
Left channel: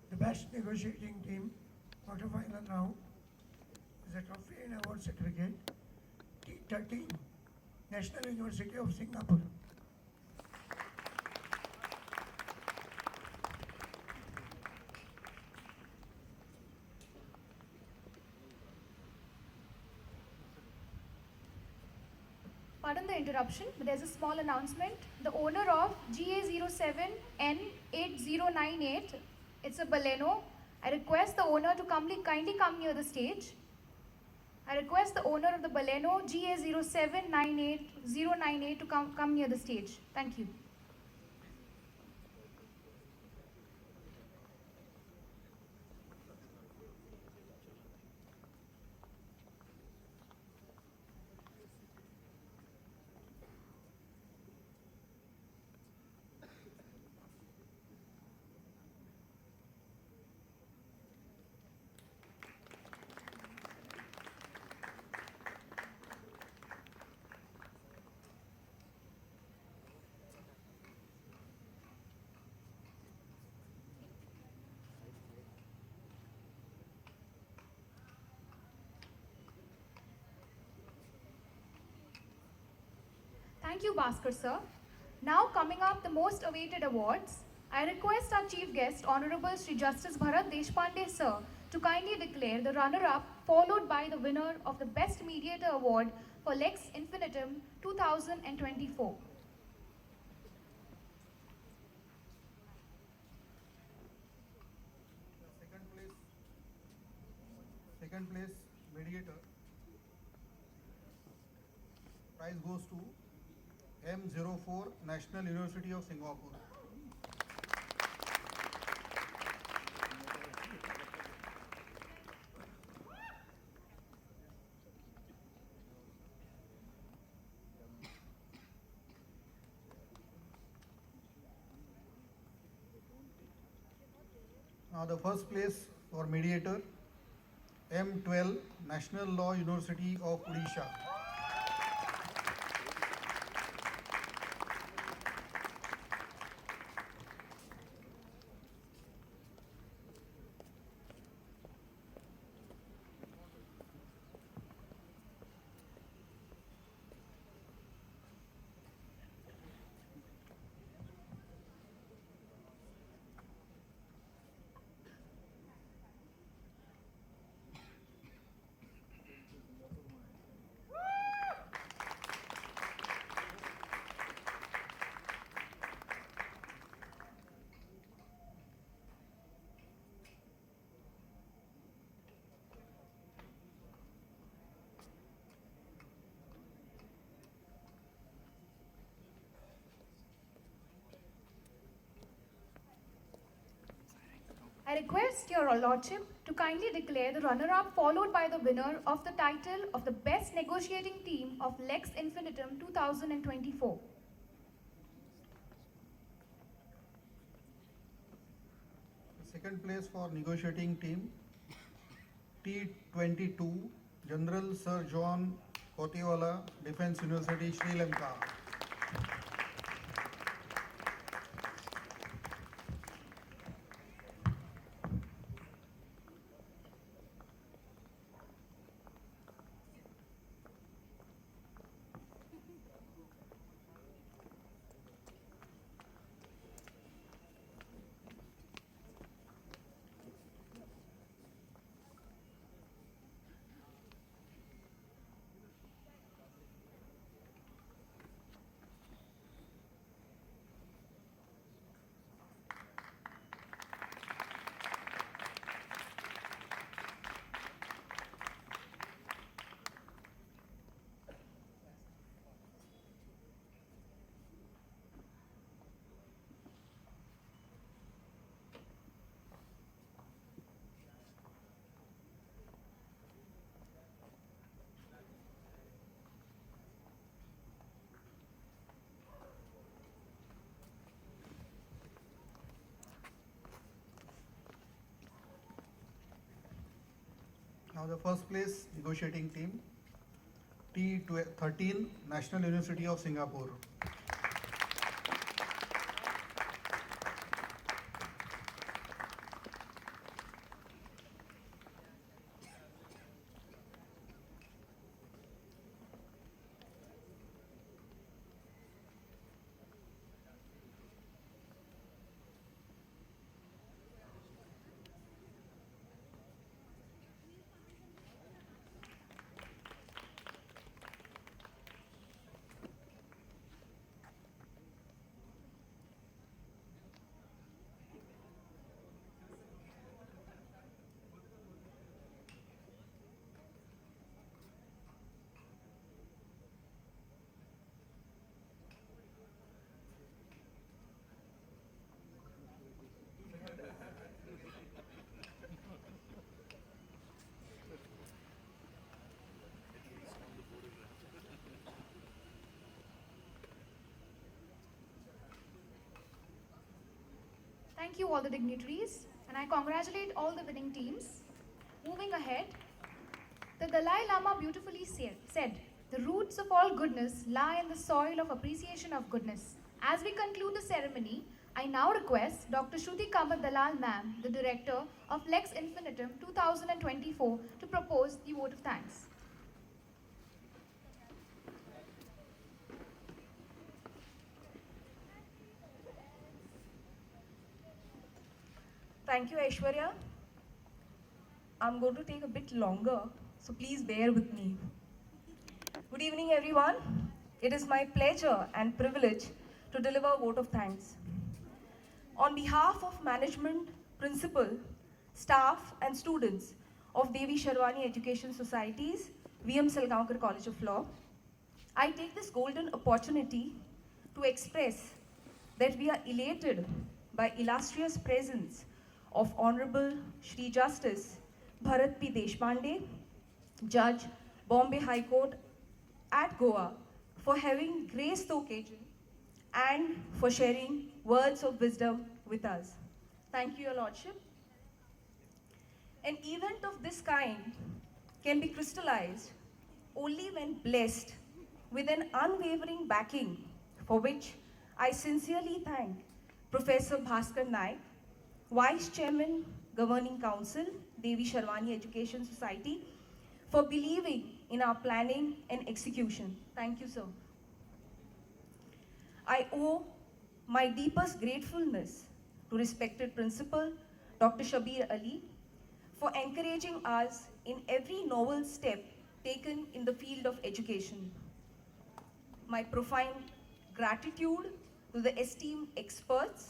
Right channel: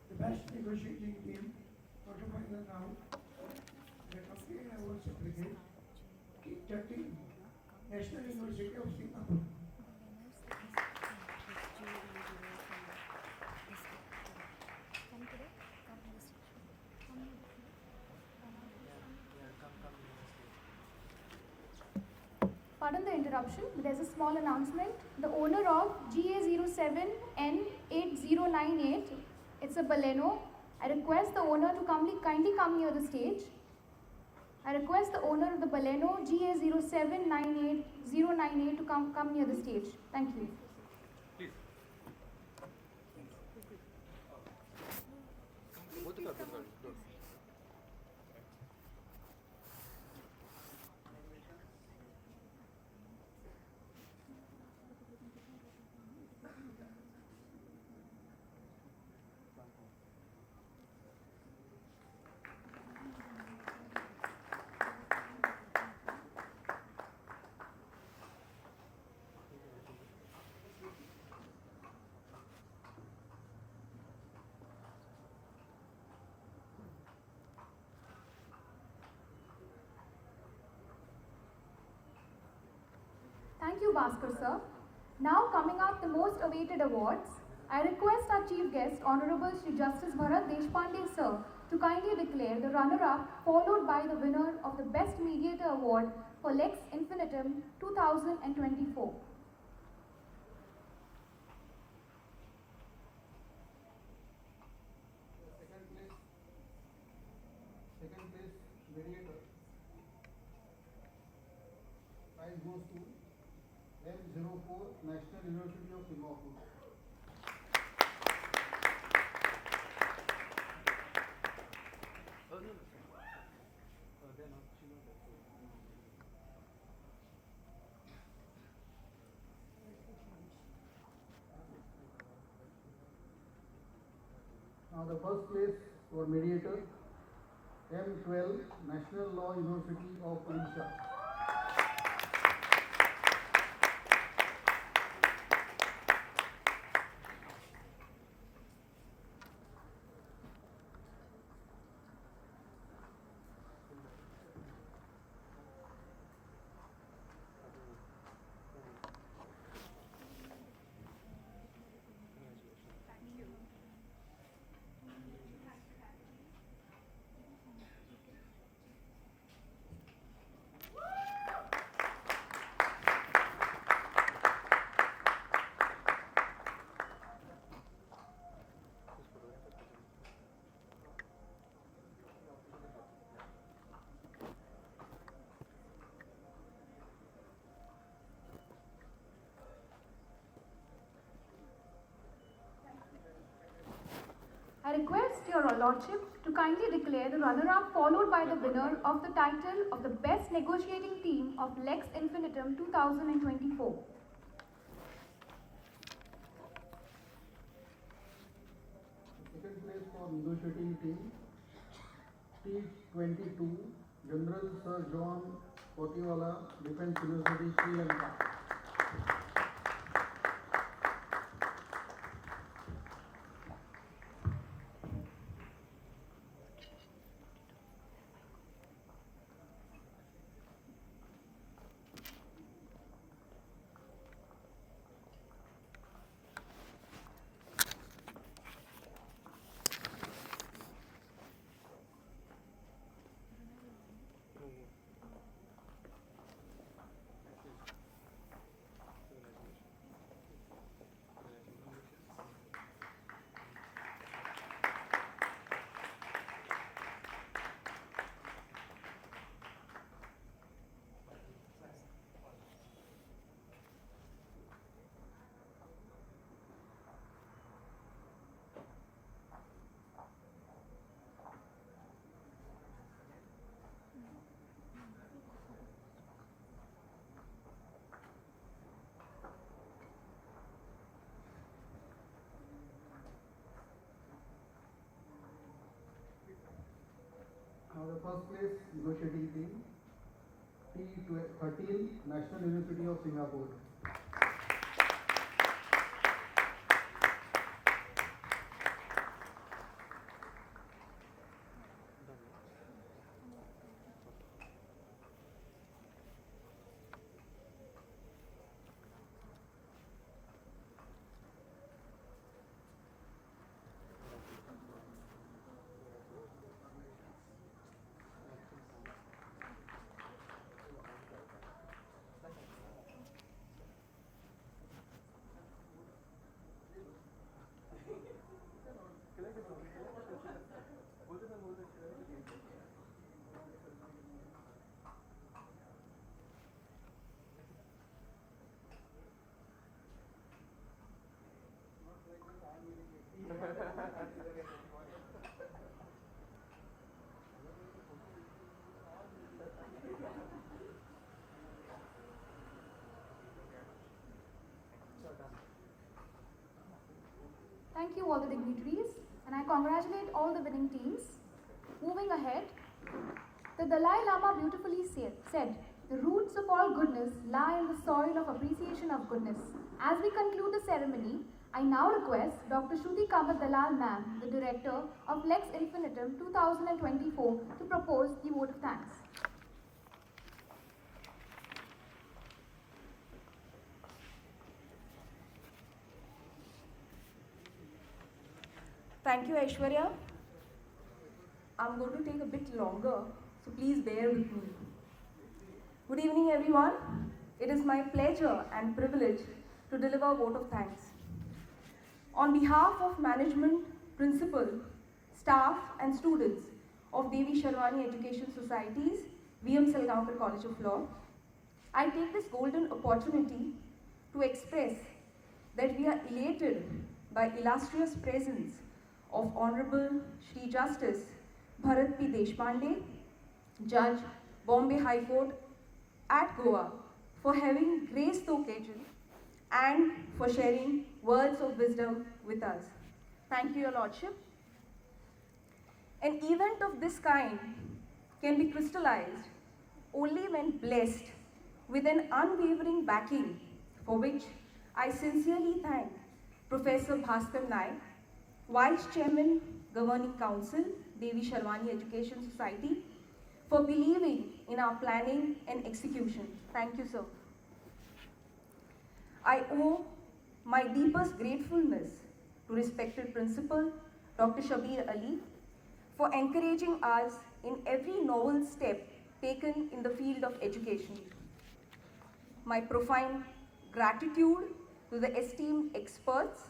The best negotiating team, quarterfinal round, the trophy and award certificate, T13, National University of Singapore. Pardon the interruption, but there's a small announcement. The owner of GA07N8098, it's a Baleno. I request the owner to kindly come near the stage. I request the owner of the Baleno GA0798098 to come near the stage. Thank you. Bhaskar sir. Now coming up the most awaited awards, I request our chief guest, Honorable Shri Justice Bharat Deshpande sir, to kindly declare the runner-up followed by the winner of the Best Mediator Award for Lex Infinitum 2024. Second place mediator prize goes to M04 National University of Singapore. Now the first place for mediator M12 National Law University of Odisha. I request your lordship to kindly declare the runner-up followed by the winner of the title of the Best Negotiating Team of Lex Infinitum 2024. Second place for negotiating team T22 General Sir John Kotiwala, Defence University, Sri Lanka. Now the first place negotiating team T13 National University of Singapore. Thank you all the dignitaries, and I congratulate all the winning teams. Moving ahead, the Dalai Lama beautifully said, "The roots of all goodness lie in the soil of appreciation of goodness." As we conclude the ceremony, I now request Dr. Shruti Kamat Dalal Ma'am, the Director of Lex Infinitum 2024, to propose the vote of thanks. Thank you, Aishwarya. I'm going to take a bit longer, so please bear with me. Good evening, everyone. It is my pleasure and privilege to deliver a vote of thanks. On behalf of management, principal, staff, and students of Devi Sharwani Education Society's VM Salgaonkar College of Law, I take this golden opportunity to express that we are elated by illustrious presence of Honorable Shri Justice Bharat P. Deshpande, Judge, Bombay High Court at Goa, for having graced the occasion and for sharing words of wisdom with us. Thank you, Your Lordship. An event of this kind can be crystallized only when blessed with an unwavering backing, for which I sincerely thank Professor Bhaskar Nayak, Vice Chairman, Governing Council, Devi Sharwani Education Society, for believing in our planning and execution. Thank you, sir. I owe my deepest gratefulness to respected Principal, Dr. Shabir Ali, for encouraging us in every novel step taken in the field of education. My profound gratitude to the esteemed experts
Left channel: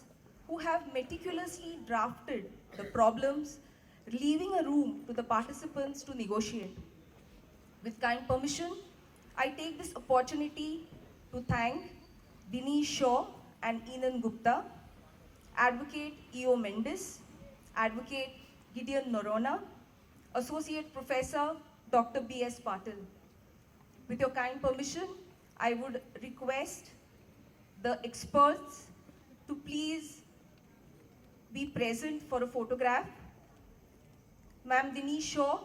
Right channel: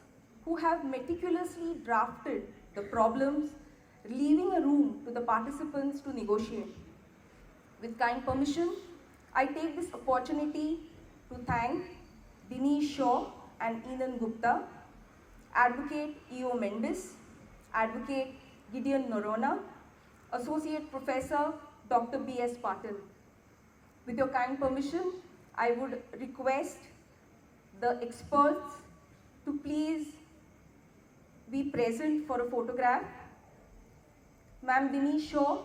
who have meticulously drafted the problems, leaving a room to the participants to negotiate. With kind permission, I take this opportunity to thank Dinesh Shaw and Enan Gupta, Advocate E.O. Mendes, Advocate Gideon Norona, Associate Professor Dr. B.S. Patil. With your kind permission, I would request the experts to please be present for a photograph. Ma'am Dinesh Shaw,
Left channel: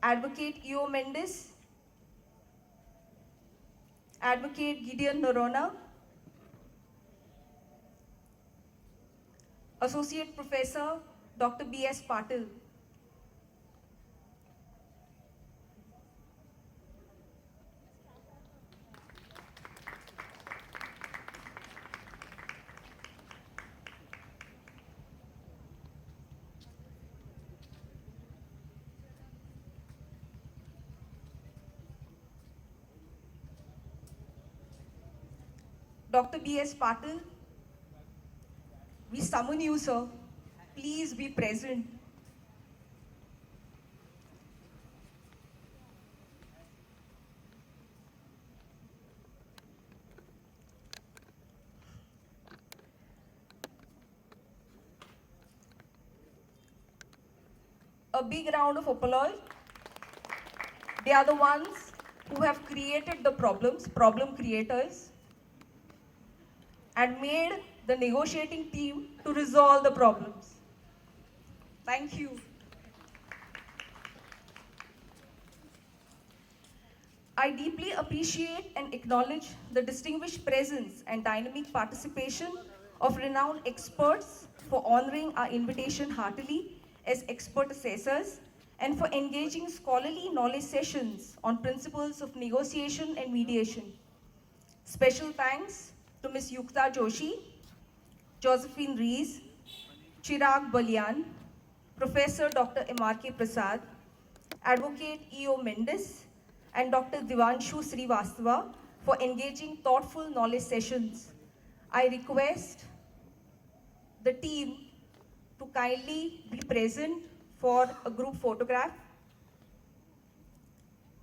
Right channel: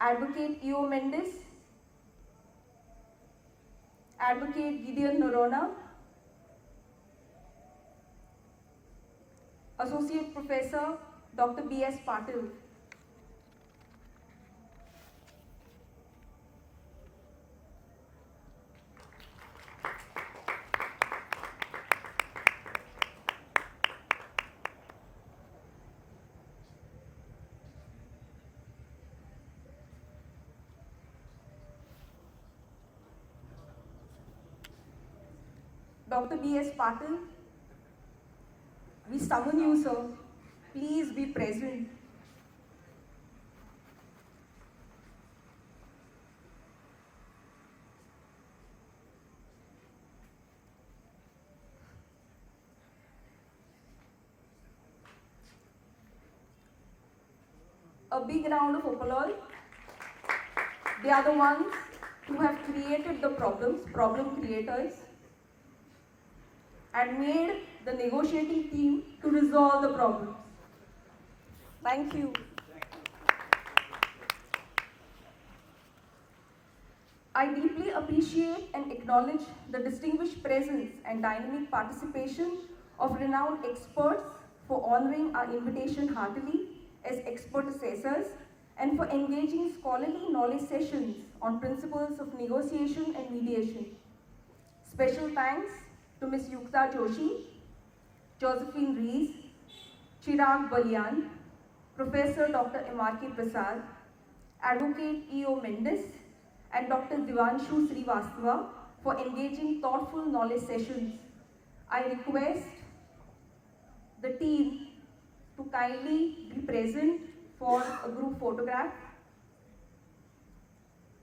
Advocate E.O. Mendes, Advocate Gideon Norona, Associate Professor Dr. B.S. Patil. Dr. B.S. Patil, we summon you, sir. Please be present. A big round of applause. They are the ones who have created the problems, problem creators, and made the negotiating team to resolve the problems. Thank you. I deeply appreciate and acknowledge the distinguished presence and dynamic participation of renowned experts for honoring our invitation heartily as expert assessors and for engaging scholarly knowledge sessions on principles of negotiation and mediation. Special thanks to Ms. Yukta Joshi, Josephine Rees, Chirag Balian, Professor Dr. M.R.K. Prasad, Advocate E.O. Mendes, and Dr. Divanshu Srivastava for engaging thoughtful knowledge sessions. I request the team to kindly be present for a group photograph.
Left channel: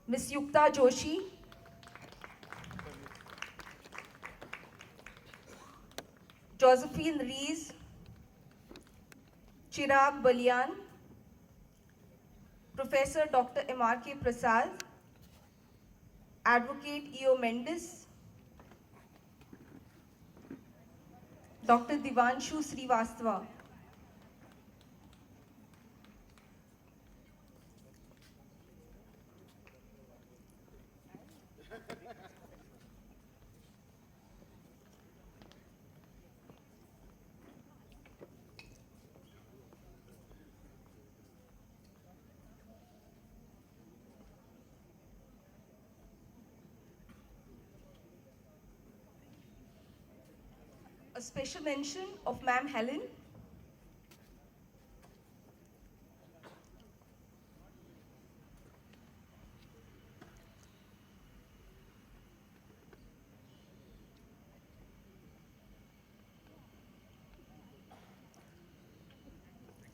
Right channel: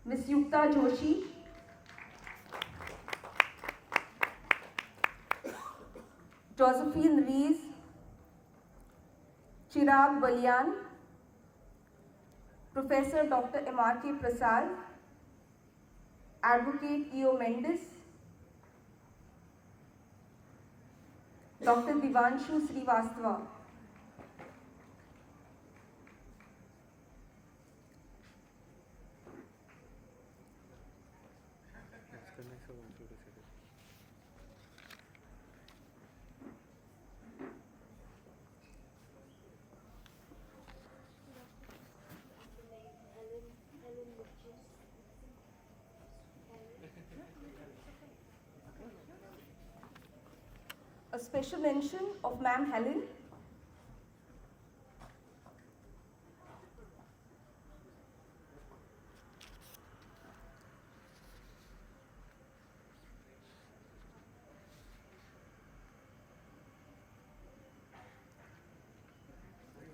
Ms. Yukta Joshi, Josephine Rees, Chirag Balian, Professor Dr. M.R.K. Prasad, Advocate E.O. Mendes, Dr. Divanshu Srivastava. A special mention of Ma'am Helen.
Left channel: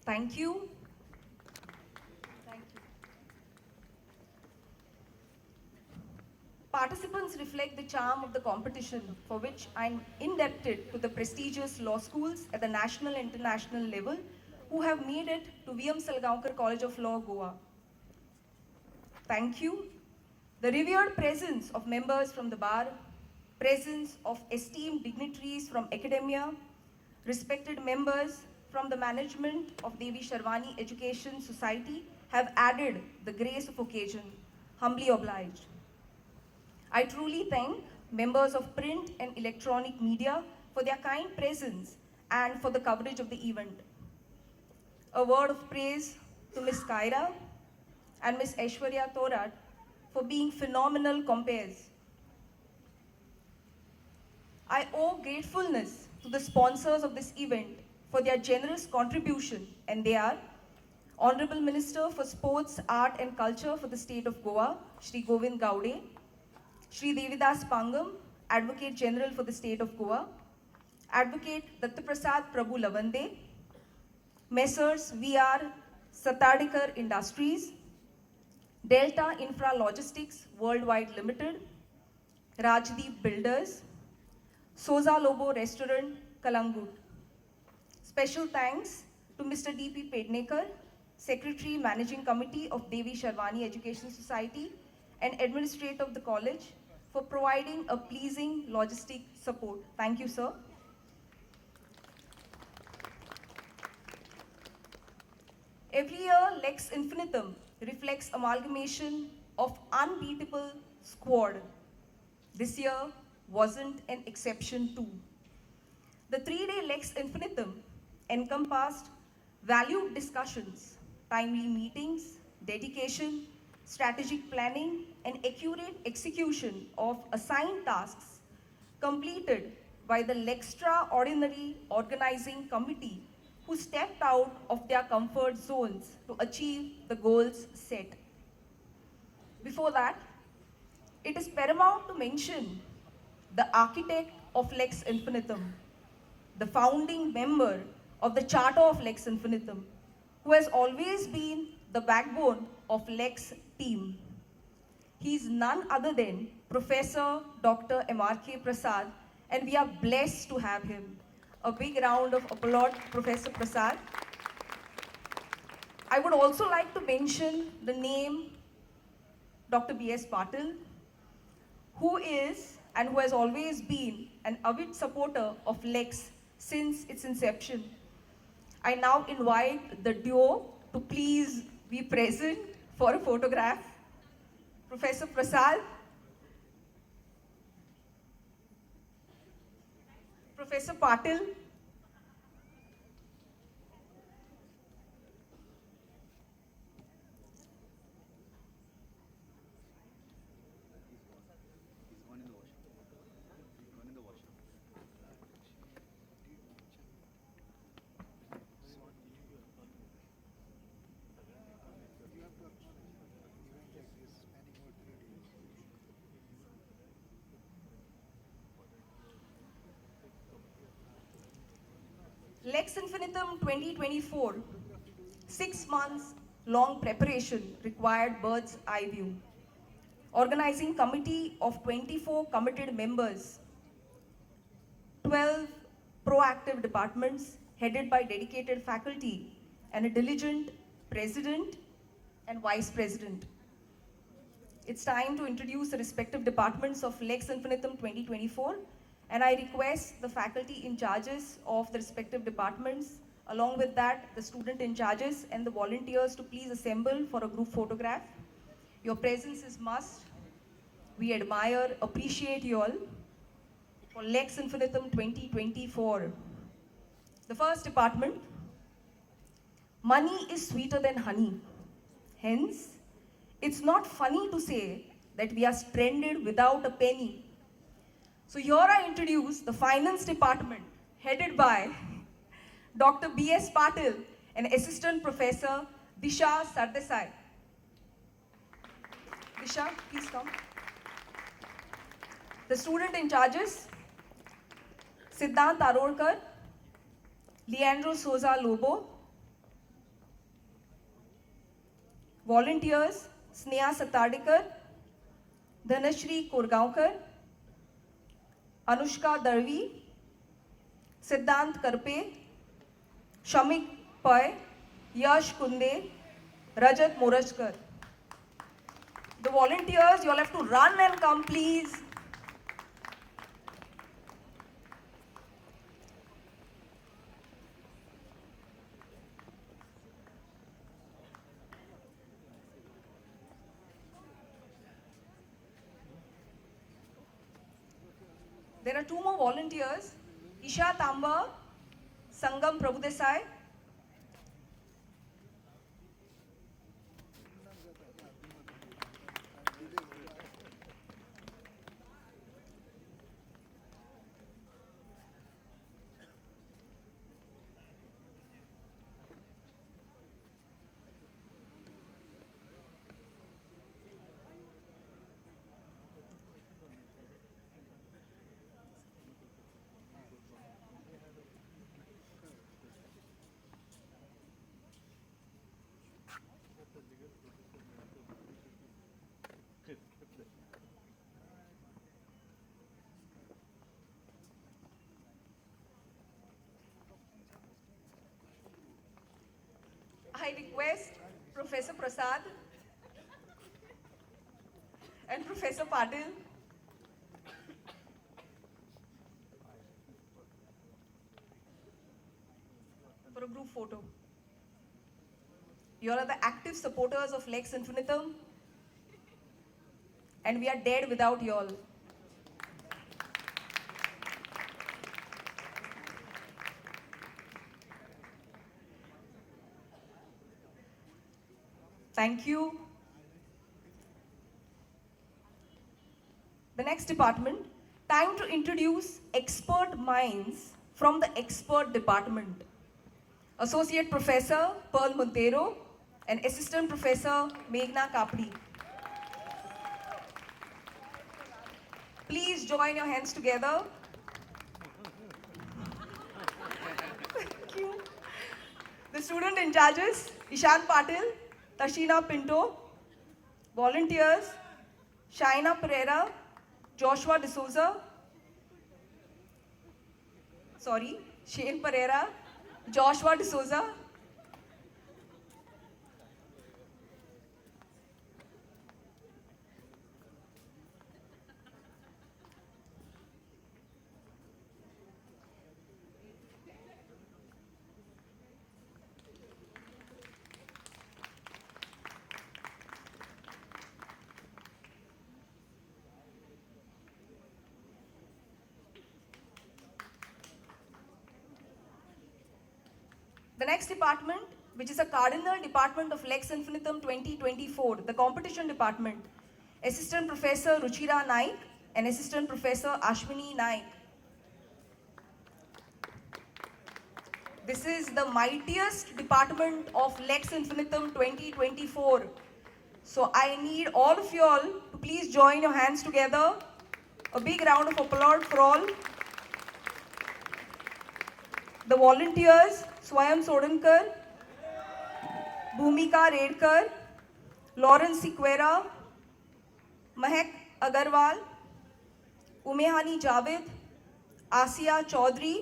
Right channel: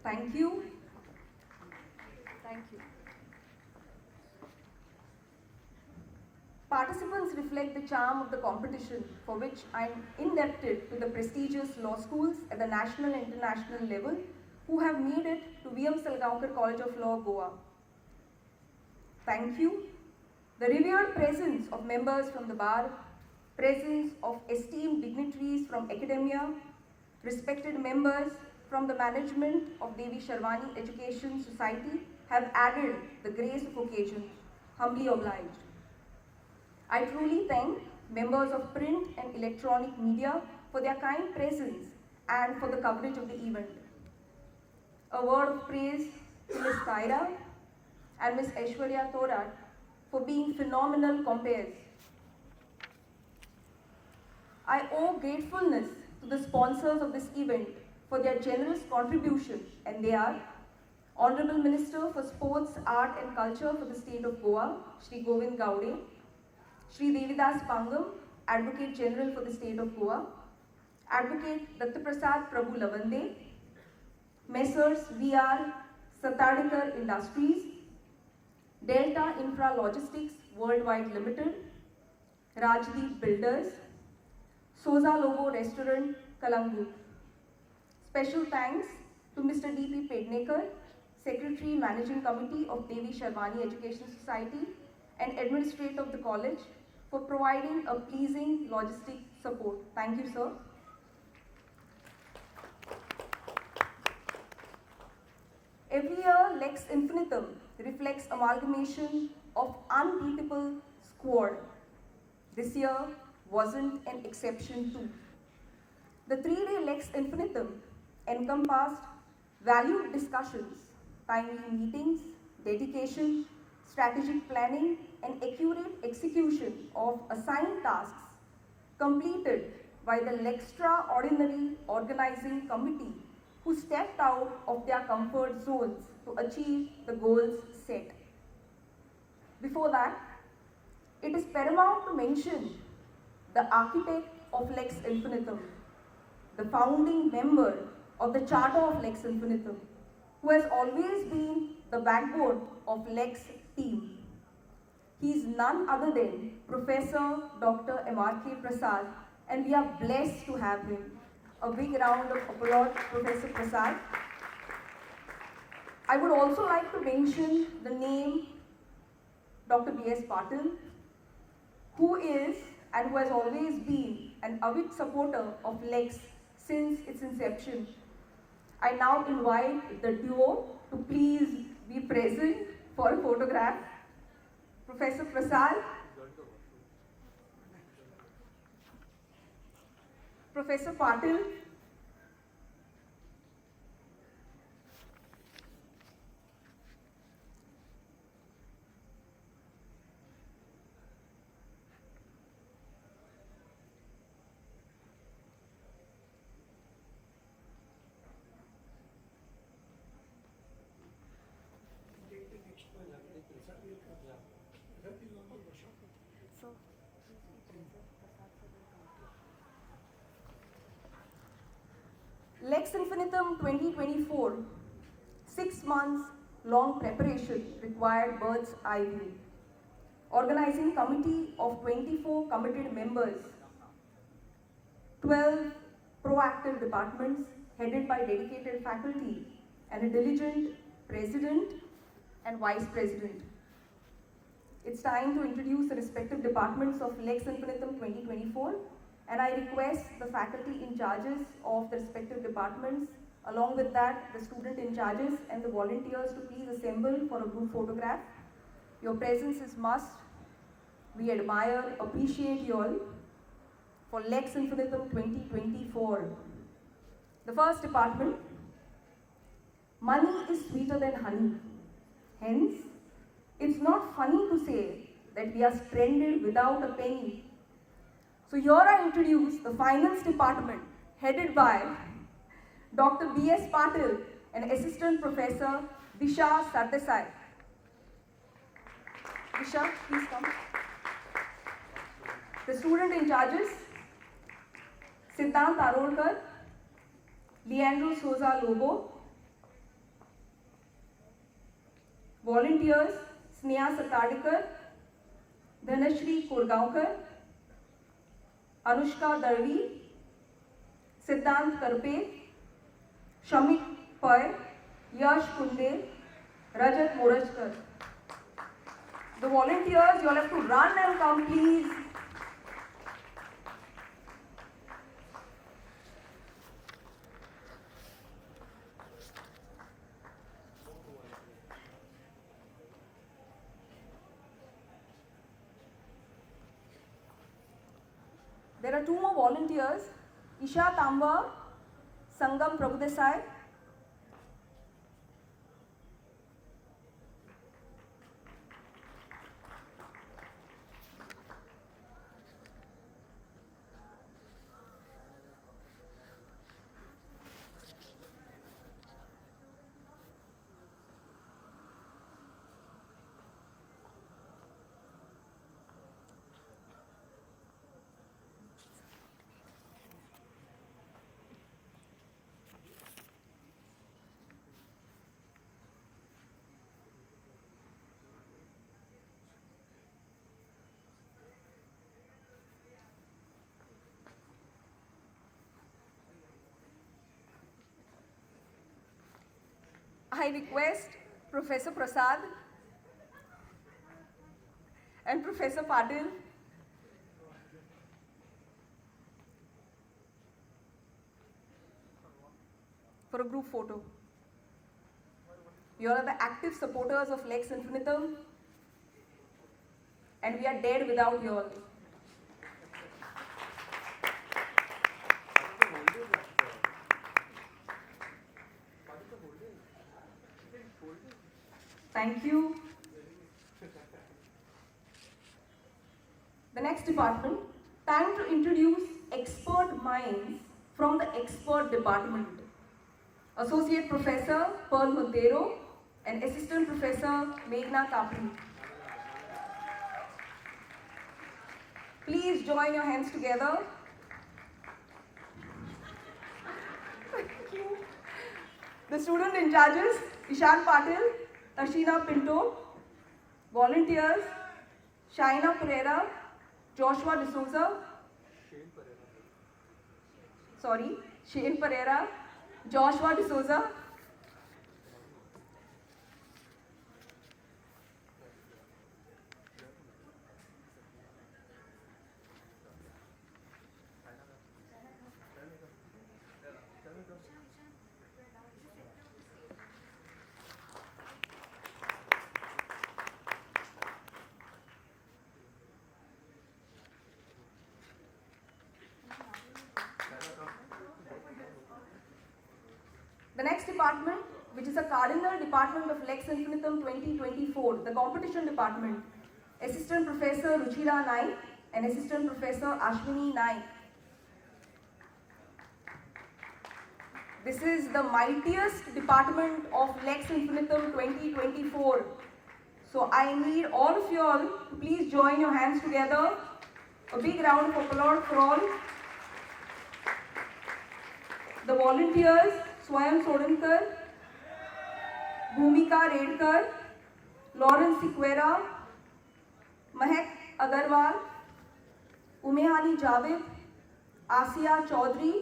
Thank you. Thank you. Participants reflect the charm of the competition, for which I am indebted to the prestigious law schools at the national and international level who have made it to V.M. Salgaonkar College of Law, Goa. Thank you. The revered presence of members from the bar, presence of esteemed dignitaries from academia, respected members from the management of Devi Sharwani Education Society have added the grace of occasion. Humbly obliged. I truly thank members of print and electronic media for their kind presence and for the coverage of the event. A word of praise to Ms. Kaira and Ms. Aishwarya Thorat for being phenomenal compares. I owe gratefulness to the sponsors of this event for their generous contribution, and they are Honorable Minister for Sports, Art and Culture for the State of Goa, Shri Govind Gowde, Shri Devidas Pangam, Advocate General for the State of Goa, Advocate Dattaprasad Prabhu Lavande, Messrs. V.R. Satadikar Industries, Delta Infra Logistics Worldwide Limited, Rajdeep Builders, Soza Lobo Restaurant, Kalangut. Special thanks to Mr. D.P. Pednekar, Secretary Managing Committee of Devi Sharwani Education Society and Administrator of the College for providing a pleasing logistic support. Thank you, sir. Every year, Lex Infinitum reflects amalgamation of unbeatable squad. This year wasn't an exception too. The 3-day Lex Infinitum encompassed valued discussions, timely meetings, dedication, strategic planning, and accurate execution of assigned tasks completed by the Lextraordinary Organizing Committee who stepped out of their comfort zones to achieve the goals set. Before that, it is paramount to mention the architect of Lex Infinitum, the founding member of the Charter of Lex Infinitum, who has always been the backbone of Lex team. He is none other than Professor Dr. M.R.K. Prasad, and we are blessed to have him. A big round of applause, Professor Prasad. I would also like to mention the name Dr. B.S. Patil, who is and who has always been an avid supporter of Lex since its inception. I now invite the duo to please be present for a photograph. Professor Prasad, Professor Patil, Lex Infinitum 2024, 6 months long preparation required bird's eye view. Organizing committee of 24 committed members, 12 proactive departments headed by dedicated faculty and a diligent president and vice president. It's time to introduce the respective departments of Lex Infinitum 2024. And I request the faculty in charges of the respective departments, along with that, the student in charges and the volunteers to please assemble for a group photograph. Your presence is must. We admire, appreciate you all for Lex Infinitum 2024. The first department, money is sweeter than honey. Hence, it's not funny to say that we are stranded without a penny. So here I introduce the finance department, headed by Dr. B.S. Patil and Assistant Professor Disha Sardesai. Disha, please come. The student in charges, Siddhant Arorkar, Leandro Souza Lobo. Volunteers, Sneha Satadikar, Dhanashri Kurgaonkar, Anushka Darvi, Siddhant Karpe, Shamik Pai, Yash Kunde, Rajat Morajkar. The volunteers, you all have to run and come, please. There are two more volunteers, Isha Tamba, Sangam Prabhudesai. I request Professor Prasad and Professor Patil for a group photo. You all are the active supporters of Lex Infinitum, and we are dead without you all. Thank you. The next department, time to introduce expert minds from the expert department. Associate Professor Pearl Montero and Assistant Professor Meghna Kapri. Please join your hands together. Thank you. The student in charges, Ishan Patil, Ashina Pinto. Volunteers, Shaina Pereira, Joshua D'Souza. Shane Pereira, Joshua D'Souza. The next department, which is a cardinal department of Lex Infinitum 2024, the competition department, Assistant Professor Ruchira Naik and Assistant Professor Ashwini Naik. This is the mightiest department of Lex Infinitum 2024. So I need all of you all to please join your hands together. A big round of applause for all. The volunteers, Swayam Sodankar, Bhumika Redkar, Lawrence Sequeira, Mahek Agarwal, Umehani Javed, Asiya Chaudhary,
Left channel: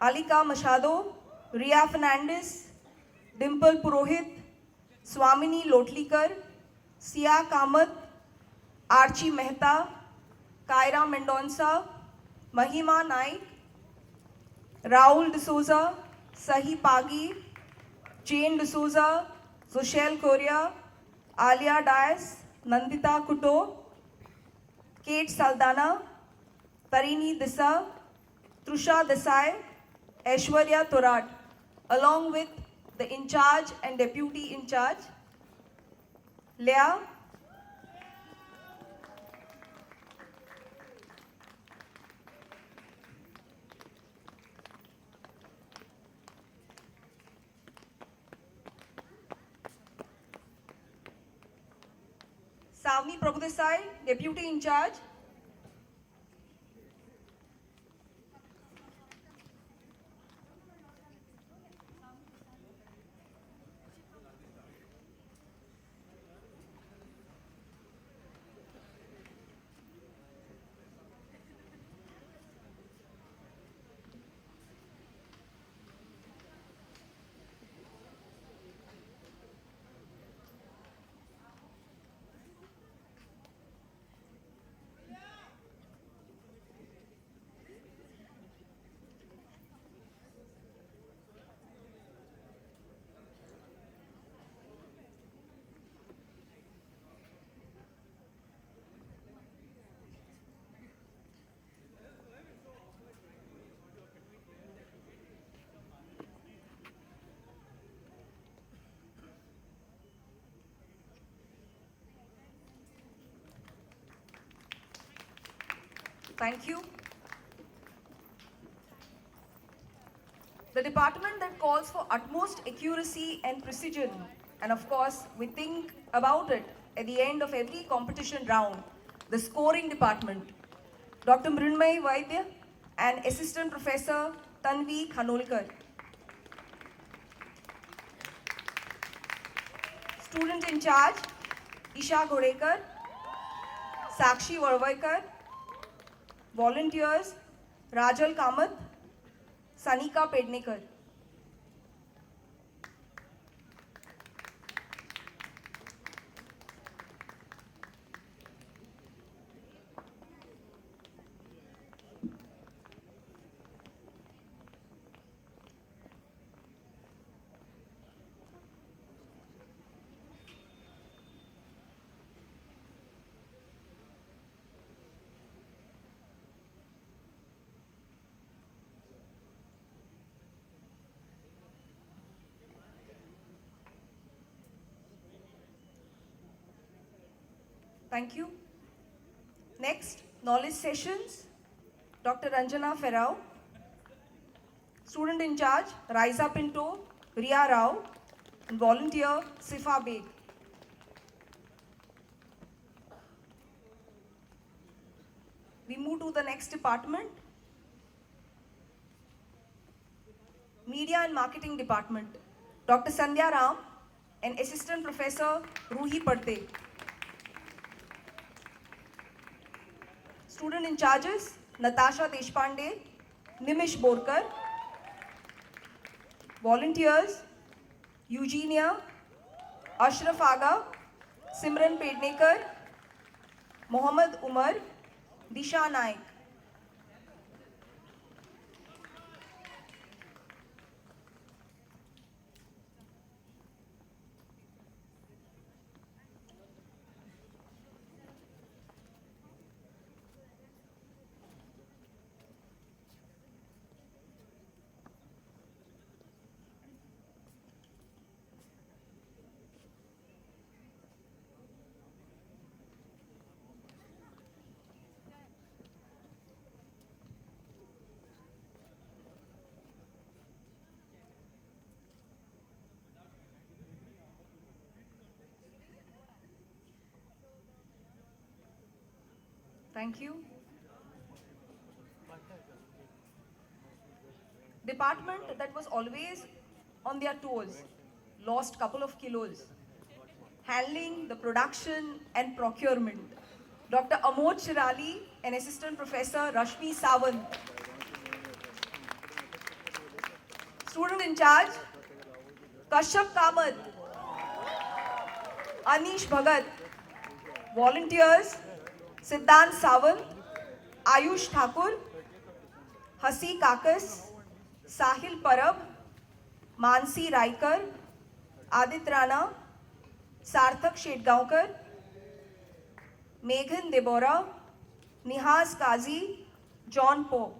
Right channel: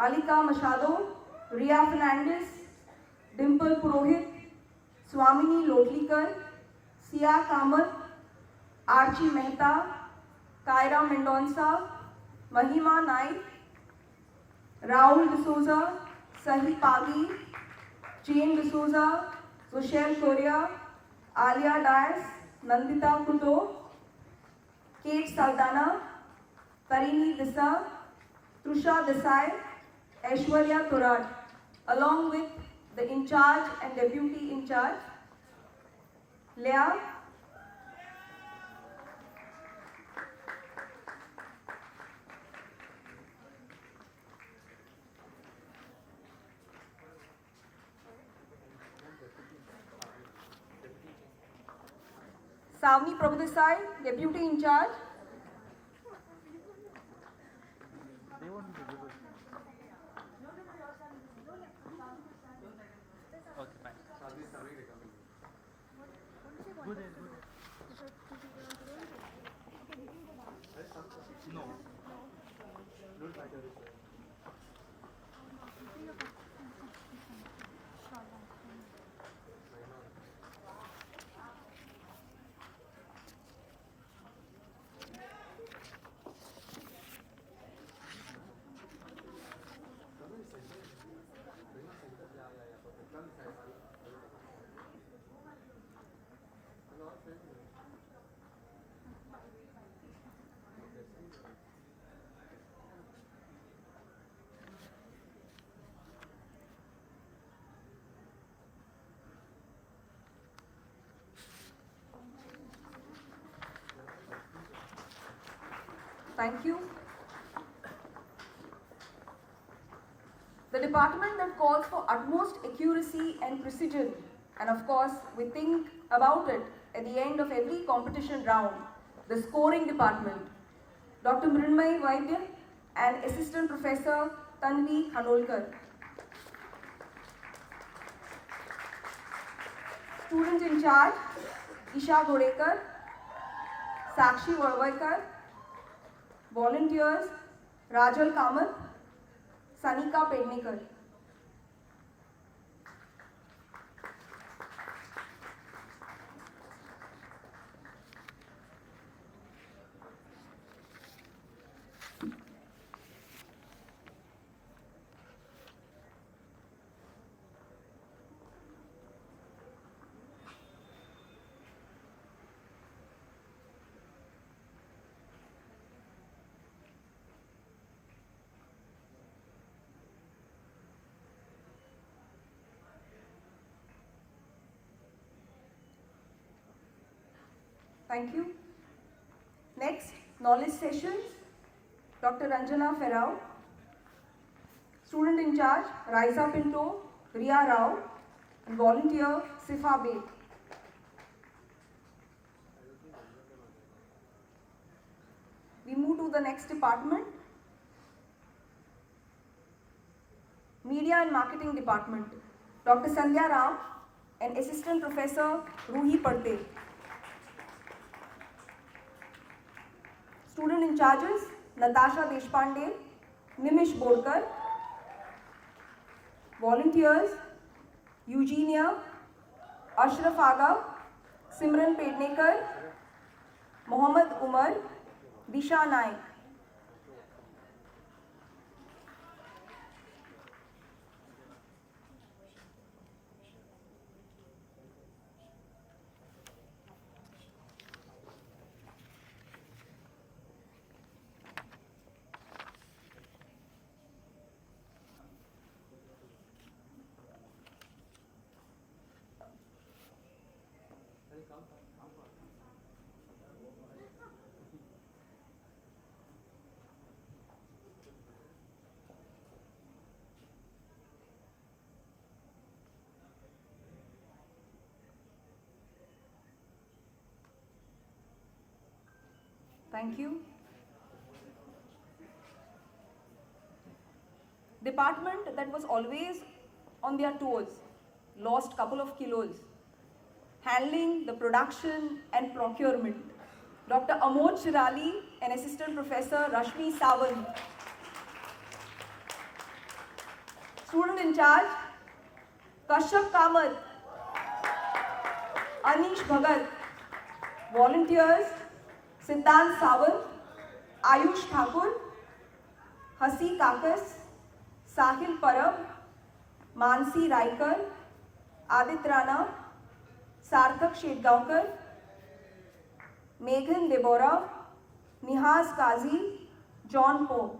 Alika Machado, Ria Fernandez, Dimple Purohit, Swamini Lotlikar, Sia Kamath, Archie Mehta, Kaira Mendonça, Mahima Naik, Raul D'Souza, Sahi Pagi, Jane D'Souza, Sushel Korea, Alia Dias, Nandita Kuto, Kate Saldana, Karini Disa, Trusha Desai, Aishwarya Thorat, along with the in charge and deputy in charge, Leah, Savni Prabhudesai, Deputy in charge. Thank you. The department that calls for utmost accuracy and precision, and of course, we think about it at the end of every competition round, the scoring department. Dr. Mrinmay Vaidya and Assistant Professor Tanvi Khanolkar. Student in charge, Isha Gorekar, Sakshi Varvaikar. Volunteers, Rajal Kamath, Sanika Pednikar. Thank you. Next, knowledge sessions. Dr. Ranjana Ferrao. Student in charge, Raisa Pinto, Riya Rao, and volunteer, Sifa Beg. We move to the next department. Media and Marketing Department. Dr. Sandhya Ram and Assistant Professor Ruhi Padde. Student in charges, Natasha Deshpande, Nimish Borkar. Volunteers, Eugenia, Ashraf Aga, Simran Pednekar, Mohammad Umar, Disha Nayak. Thank you. Department that was always on their toes, lost couple of kilos. Handling the production and procurement. Dr. Amod Shirali and Assistant Professor Rashmi Sawant. Student in charge, Kashyap Kamath, Anish Bhagat. Volunteers, Siddhant Sawant, Ayush Thakur, Hasi Kakas, Sahil Parab, Mansi Raikar, Adit Rana, Sarthak Shetgaonkar, Meghan Deborah, Nihaz Kazi, John Poe.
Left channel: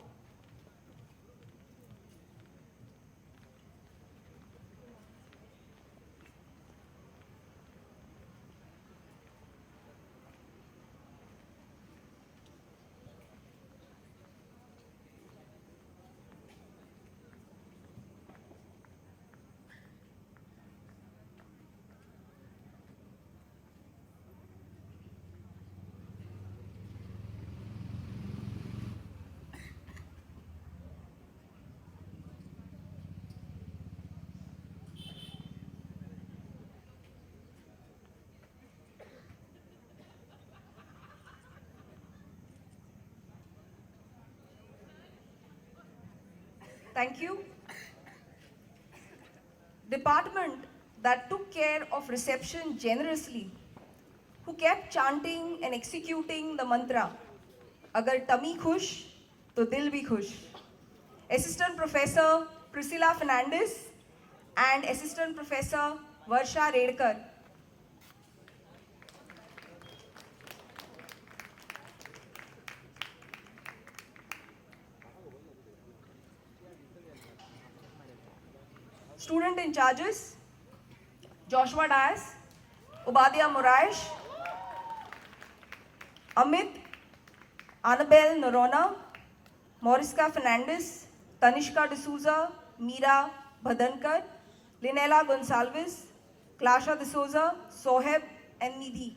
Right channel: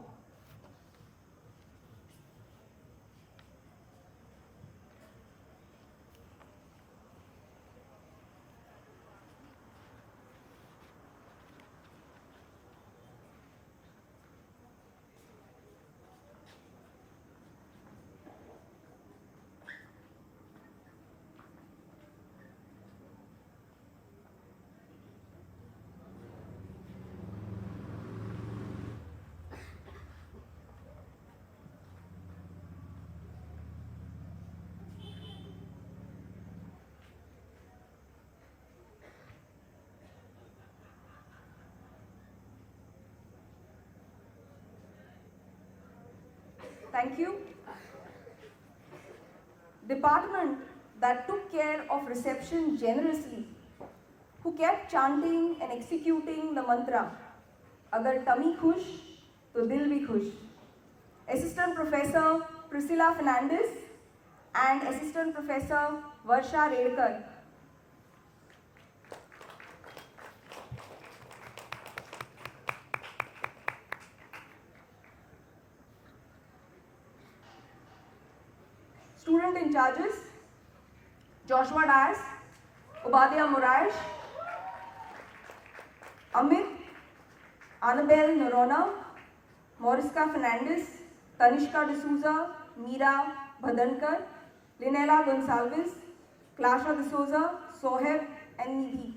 Thank you. Department that took care of reception generously, who kept chanting and executing the mantra, Agar tummy khush, to dil bhi khush. Assistant Professor Priscilla Fernandez and Assistant Professor Varsha Redkar. Student in charges, Joshua Dias, Ubadia Muraish, Amit, Annabelle Norona, Moriska Fernandez, Tanishka D'Souza, Meera Bhadankar, Linela Gonsalves, Clasha D'Souza, Soheb, and Nidhi.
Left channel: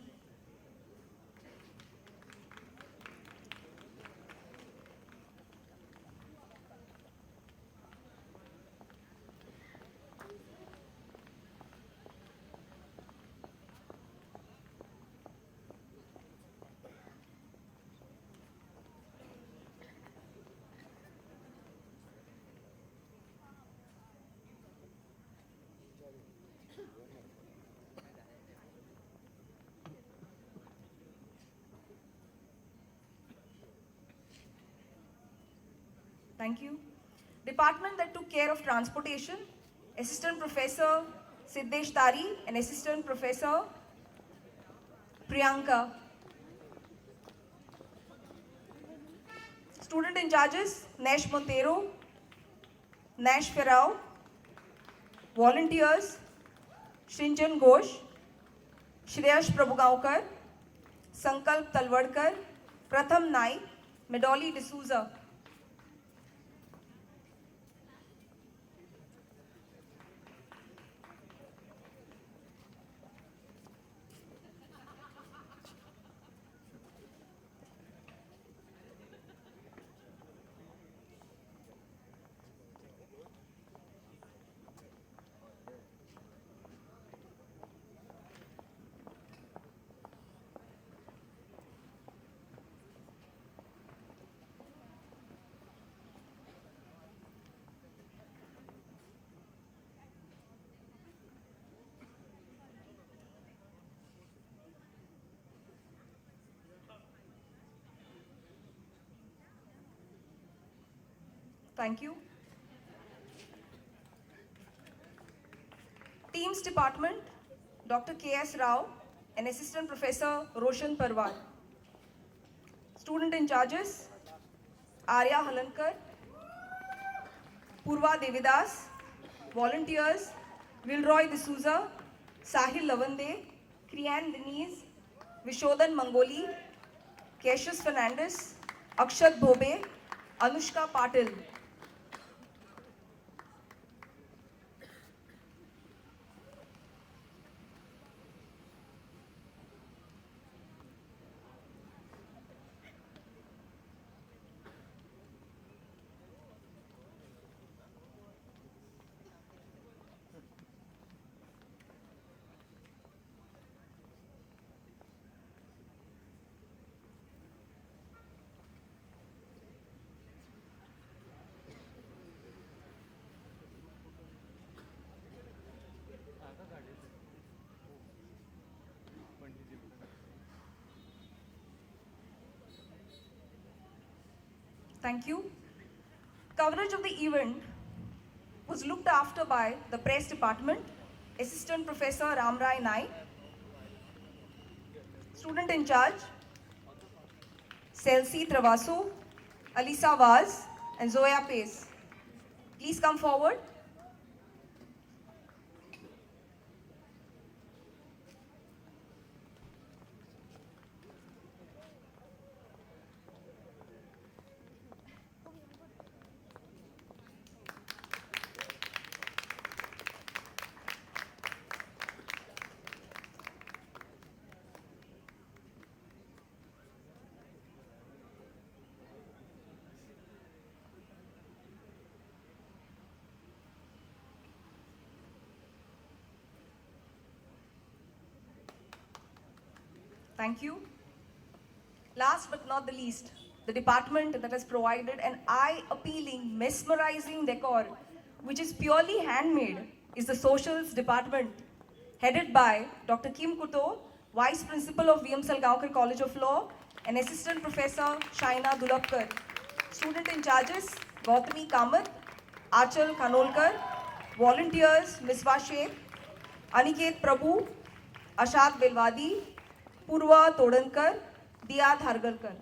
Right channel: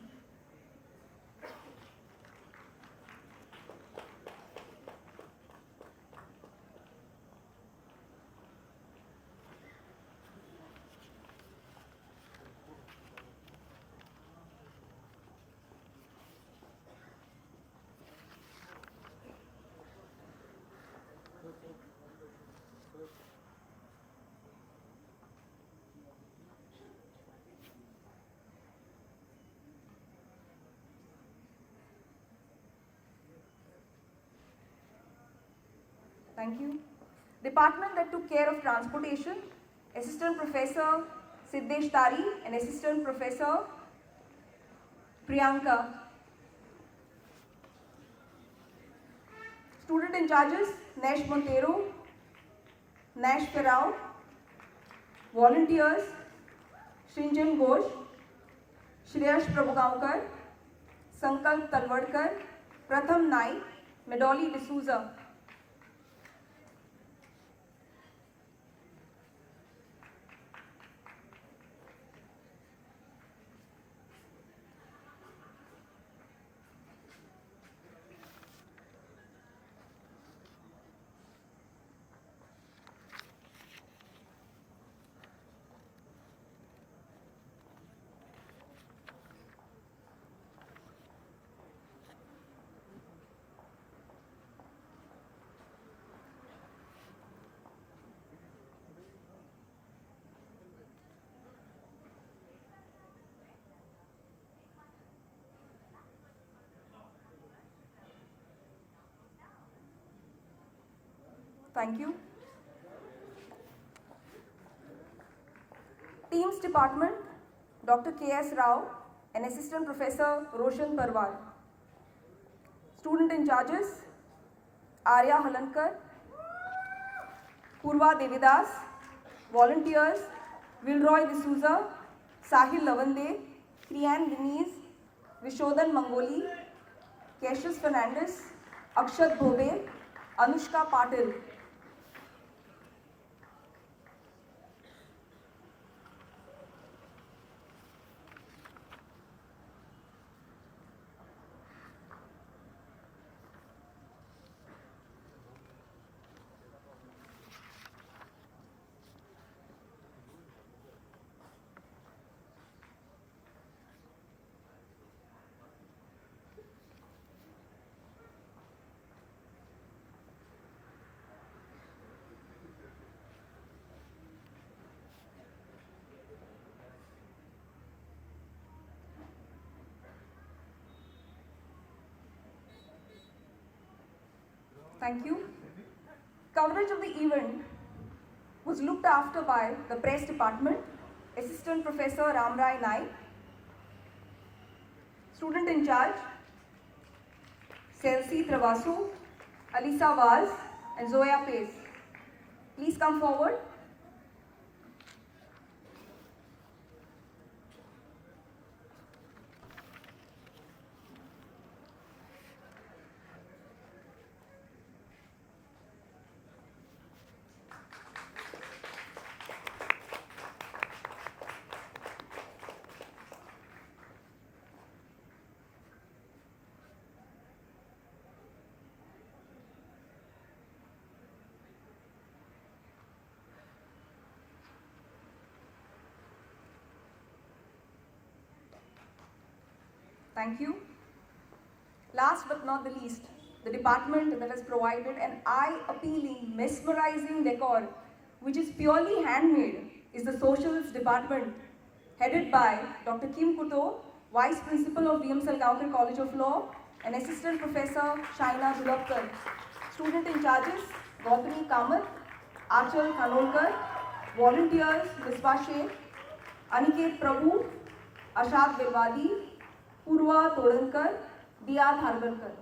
Thank you. Department that took care of transportation, Assistant Professor Siddesh Tari and Assistant Professor Priyanka. Student in charges, Nash Montero, Nash Ferrao. Volunteers, Shrinjan Ghosh, Shreyash Prabhugaonkar, Sankalp Talwadkar, Pratham Naik, Medoli D'Souza. Thank you. Teams Department, Dr. K.S. Rao and Assistant Professor Roshan Parwar. Student in charges, Arya Halankar, Purva Devidas. Volunteers, Wilroy D'Souza, Sahil Lavande, Kriyan Denise, Vishodan Mangoli, Cassius Fernandez, Akshat Bhobe, Anushka Patil. Thank you. Coverage of the event was looked after by the Press Department, Assistant Professor Ramrai Naik. Student in charge, Celsi Travaso, Alisa Vaz, and Zoya Pace. Please come forward. Thank you. Last but not the least, the department that has provided an eye-appealing, mesmerizing decor, which is purely handmade, is the Socials Department, headed by Dr. Kim Kuto, Vice Principal of VM Salgaonkar College of Law, and Assistant Professor Shaina Dulapkar. Student in charges, Gautami Kamath, Achal Khanolkar, volunteers, Miswa Sheikh, Aniket Prabhu, Ashak Belwadi, Purva Todankar, Diya Thargarkar.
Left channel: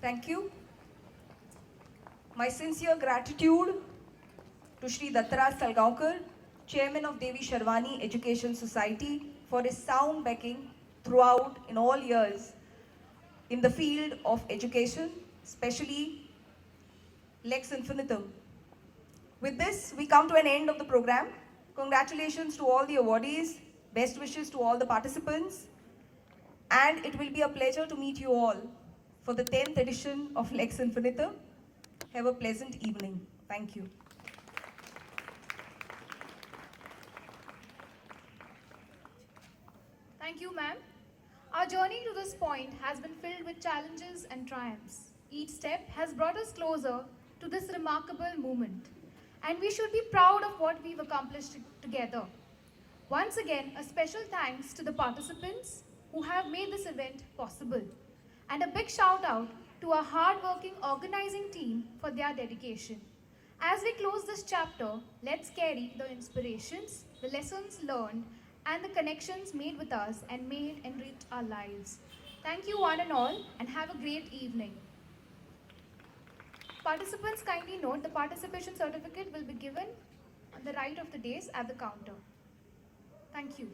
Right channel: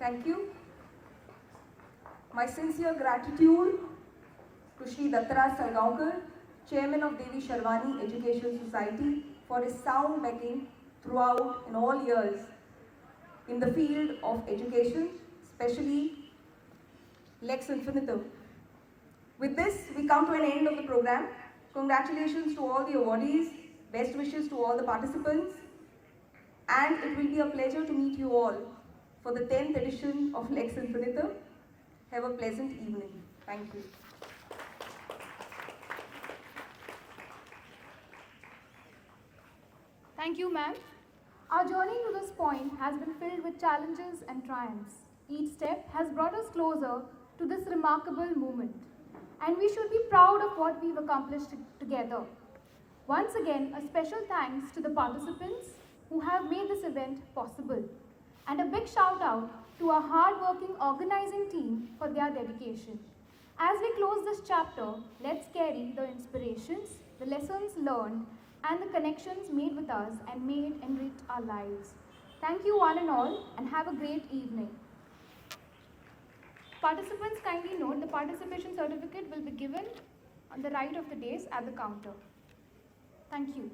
Thank you. My sincere gratitude to Shri Dattaraj Salgaonkar, Chairman of Devi Sharwani Education Society, for his sound backing throughout in all years in the field of education, especially Lex Infinitum. With this, we come to an end of the program. Congratulations to all the awardees, best wishes to all the participants, and it will be a pleasure to meet you all for the 10th edition of Lex Infinitum. Have a pleasant evening. Thank you. Thank you, ma'am. Our journey to this point has been filled with challenges and triumphs. Each step has brought us closer to this remarkable moment, and we should be proud of what we've accomplished together. Once again, a special thanks to the participants who have made this event possible, and a big shout out to our hard-working organizing team for their dedication. As we close this chapter, let's carry the inspirations, the lessons learned, and the connections made with us and may enrich our lives. Thank you one and all, and have a great evening. Participants, kindly note the participation certificate will be given on the right of the dais at the counter. Thank you.